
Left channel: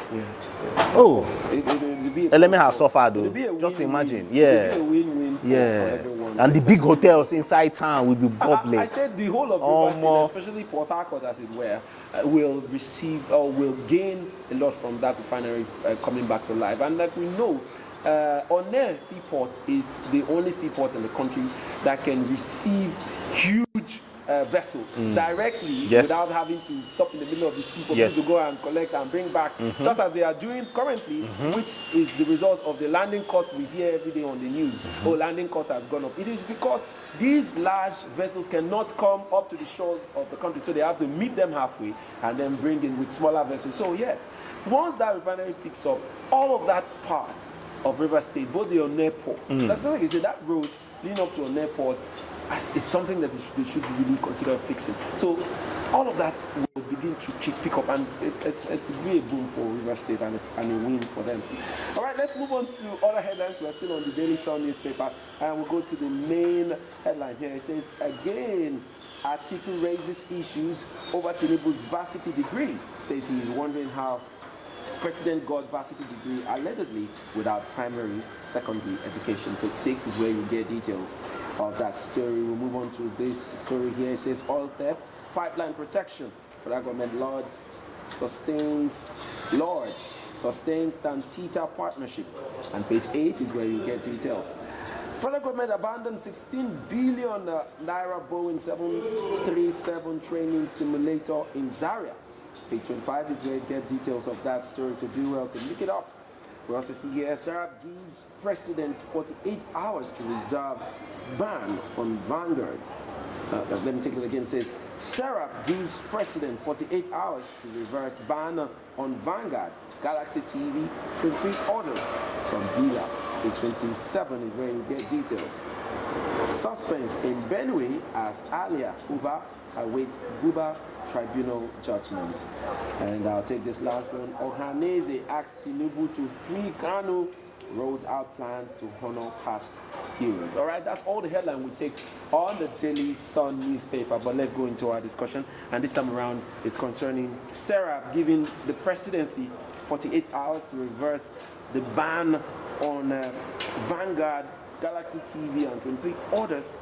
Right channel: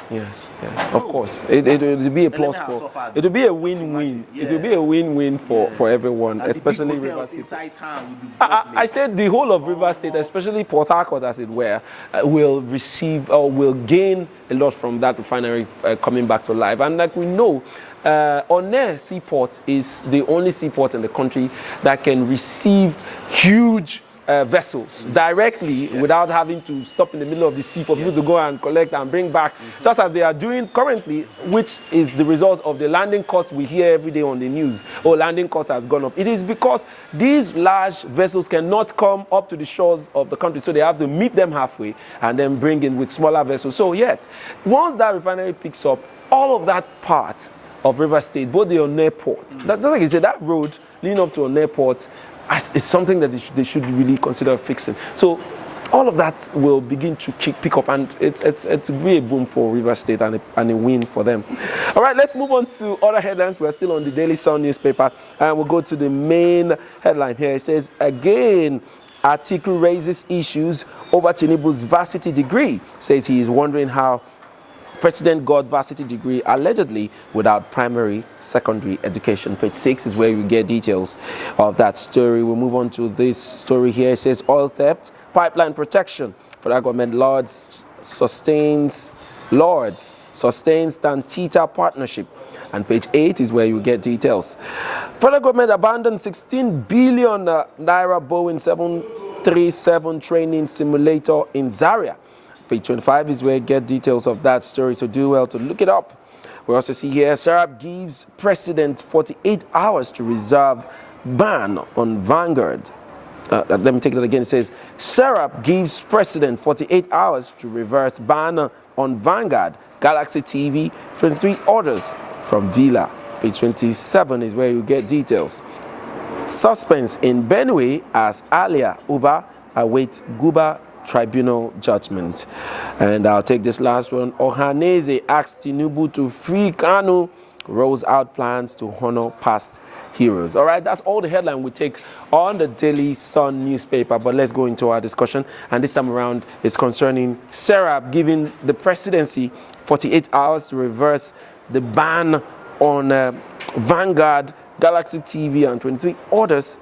Of course. It will be a plus. It will be a win-win. It will be a win-win for everyone. And the big hotels inside town will be bubbling. I said the whole of Rivers State, especially Port Harcourt, as it were, will receive or will gain a lot from that refinery coming back to life. And like we know, One Seaport is the only seaport in the country that can receive huge vessels directly without having to stop in the middle of the sea for people to go and collect and bring back, just as they are doing currently, which is the result of the landing costs we hear every day on the news. Landing cost has gone up. It is because these large vessels cannot come up to the shores of the country, so they have to meet them halfway and then bring in with smaller vessels. So yes, once that refinery picks up, all of that part of River State, both the One Port, that's like you said, that road leading up to One Port, it's something that they should really consider fixing. So all of that will begin to pick up, and it's be a boom for Rivers State and a win for them. All right, let's move on to other headlines. We're still on the Daily Sun newspaper, and we'll go to the main headline here. It says, again, Atiku raises issues over Tinubu's varsity degree. Says he is wondering how President got varsity degree allegedly without primary, secondary education. Page 6 is where you get details of that story. We'll move on to this story here. It says oil theft, pipeline protection. Federal government sustains Tantita partnership. And page 8 is where you get details. Federal government abandoned 16 billion naira Boeing 737 training simulator in Zaria. Page 25 is where you get details of that story, so do well to look it up. We also see here, Serap gives president 48 hours to reserve ban on Vanguard. Let me take that again. It says, Serap gives president 48 hours to reverse ban on Vanguard. Galaxy TV, 23 orders from Villa. Page 27 is where you get details. Suspense in Benue as Alia Uba awaits Guba Tribunal judgment. And I'll take this last one. Ohaneze asks Tinubu to free Kanu, rolls out plans to honor past heroes. All right, that's all the headline we take on the Daily Sun newspaper, but let's go into our discussion. And this time around is concerning Serap giving the presidency 48 hours to reverse the ban on Vanguard, Galaxy TV, and 23 orders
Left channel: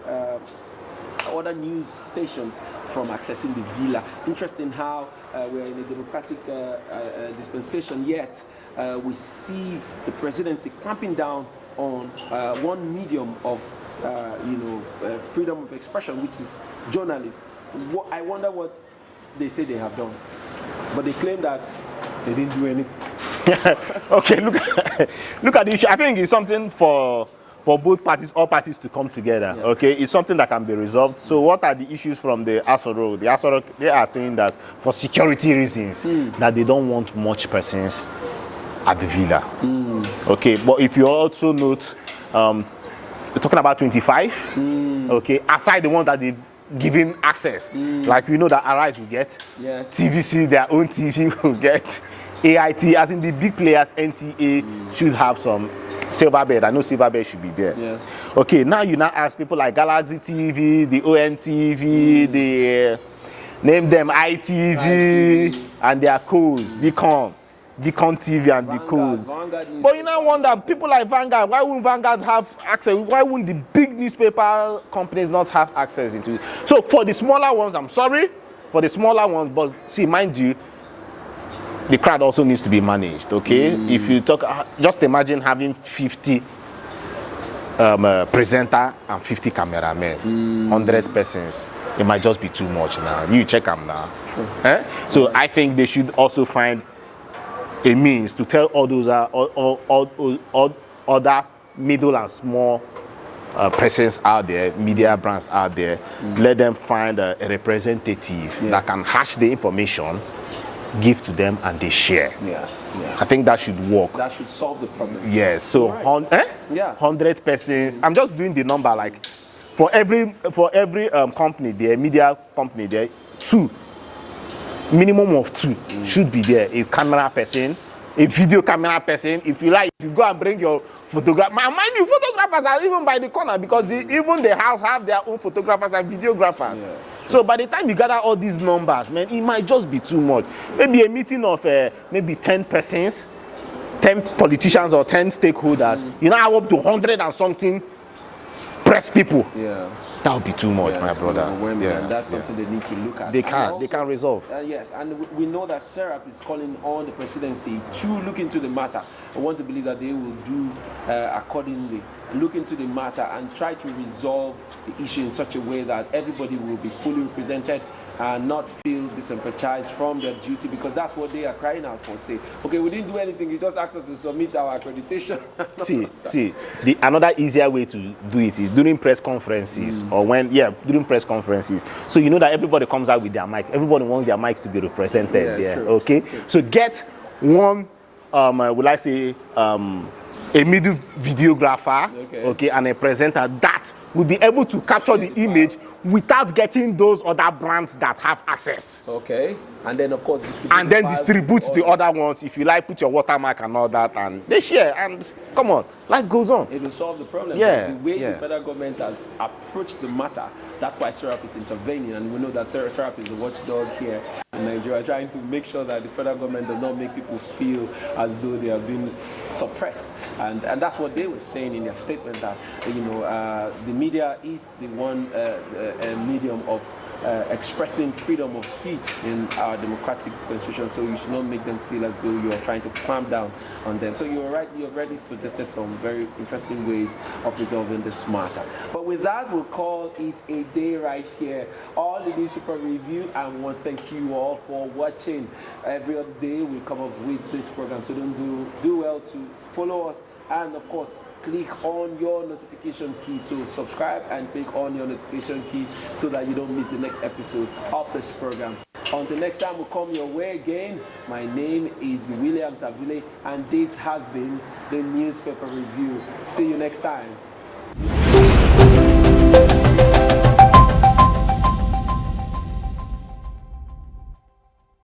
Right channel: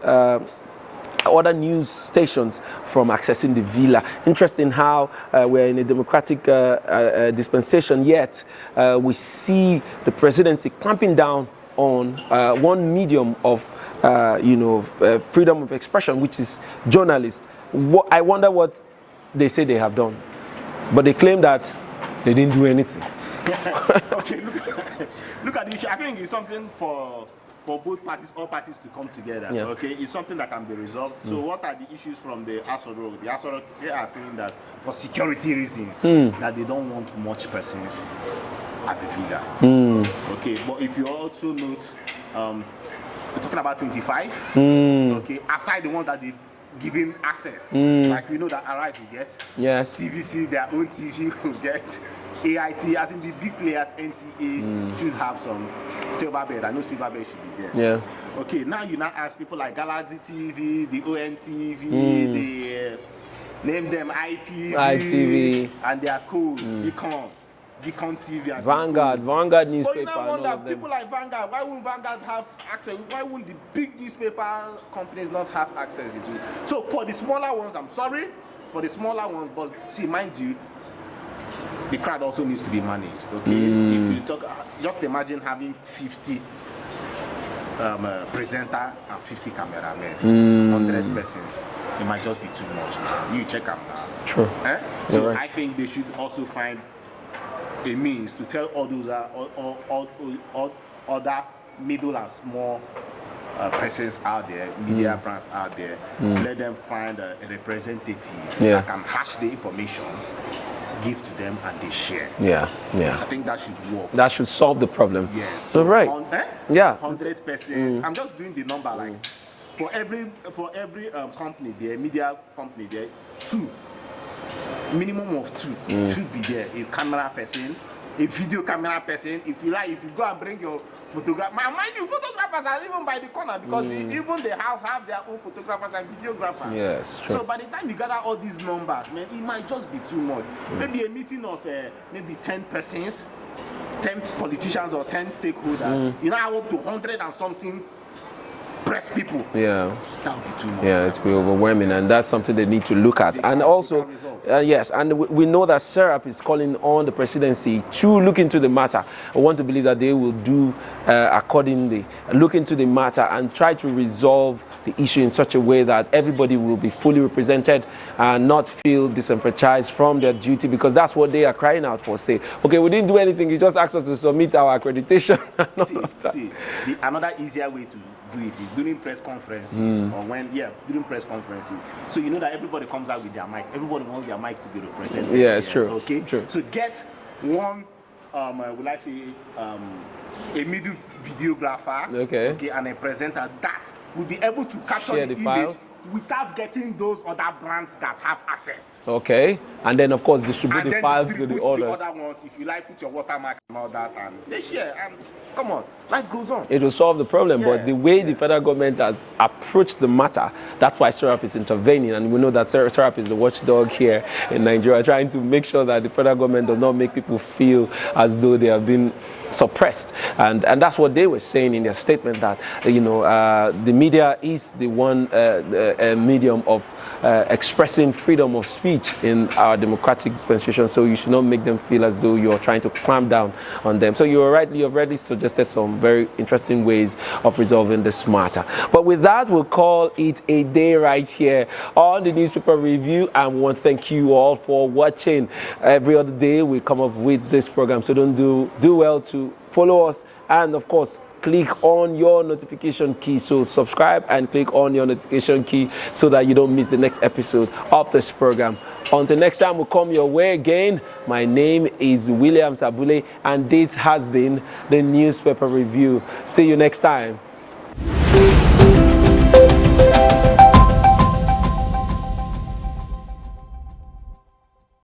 other news stations from accessing the Villa. Interesting how we're in a democratic dispensation, yet we see the presidency clamping down on one medium of freedom of expression, which is journalists. I wonder what they say they have done, but they claim that they didn't do anything. Okay, look at the issue. I think it's something for both parties, all parties to come together. Yeah. Okay, it's something that can be resolved. So what are the issues from the Asoro? The Asoro, they are saying that for security reasons, that they don't want much persons at the Villa. Okay, but if you also note, we're talking about 25. Okay, aside the one that they've given access, like we know that Arise will get, yes, TVC, their own TV will get, AIT, as in the big players, NTA should have some silver bed. I know silver bed should be there. Yes. Okay, now you now ask people like Galaxy TV, the ONTV, the name them ITV, and their codes, Beacon TV and Vanguard, the codes. Vanguard newspaper. But you now wonder, people like Vanguard, why wouldn't Vanguard have access? Why wouldn't the big newspaper companies not have access into it? So for the smaller ones, I'm sorry, for the smaller ones, but see, mind you, the crowd also needs to be managed, okay? If you talk, just imagine having 50 presenter and 50 cameramen, 100 persons. It might just be too much now. You check them now. True. So right. I think they should also find a means to tell all those other middle and small persons out there, media brands out there, let them find a representative that can hash the information, give to them, and they share. Yeah. I think that should work. That should solve the problem. Yes. So right. 100 persons. I'm just doing the number, like for every company there, media company there, 2, minimum of 2 should be there. A camera person, a video camera person. If you like, if you go and bring your photographer, mind you, photographers are even by the corner because even the house have their own photographers and videographers. Yes, so by the time you gather all these numbers, man, it might just be too much. Maybe a meeting of maybe 10 persons, 10 politicians or 10 stakeholders, you know, up to 100 and something press people. Yeah. That would be too much. Yeah, it's overwhelming, and that's something they need to look at. They can resolve. Yes, and we know that Serap is calling on the presidency to look into the matter. I want to believe that they will do accordingly, look into the matter and try to resolve the issue in such a way that everybody will be fully represented and not feel disenfranchised from their duty, because that's what they are crying out for. Say, okay, we didn't do anything, you just asked us to submit our accreditation. Another easier way to do it is during press conferences or during press conferences. So you know that everybody comes out with their mic. Everybody wants their mics to be represented. Yeah, sure. Okay? Sure. So get one, a middle videographer, okay, and a presenter that will be able to capture the image without getting those other brands that have access. Okay. And then, of course, distribute And the then files distribute to the other ones. If you like, put your watermark and all that, and they share. And come on, life goes on. It will solve the problem. Yeah, But the way yeah. the federal government has approached the matter, that's why SERAP is intervening. And we know that SERAP is the watchdog here in Nigeria, trying to make sure that the federal government does not make people feel as though they have been suppressed. And that's what they were saying in their statement, that, the media is the one medium of expressing freedom of speech in our democratic dispensation, so you should not make them feel as though you're trying to clamp down on them. So you've already suggested some very interesting ways of resolving this matter. But with that, we'll call it a day right here on the newspaper review, and we want to thank you all for watching. Every other day we come up with this program, so don't do well to follow us, and of course, click on your notification key. So subscribe and click on your notification key so that you don't miss the next episode of this program. Until next time, we'll come your way again. My name is William Sabule, and this has been the Newspaper Review. See you next time.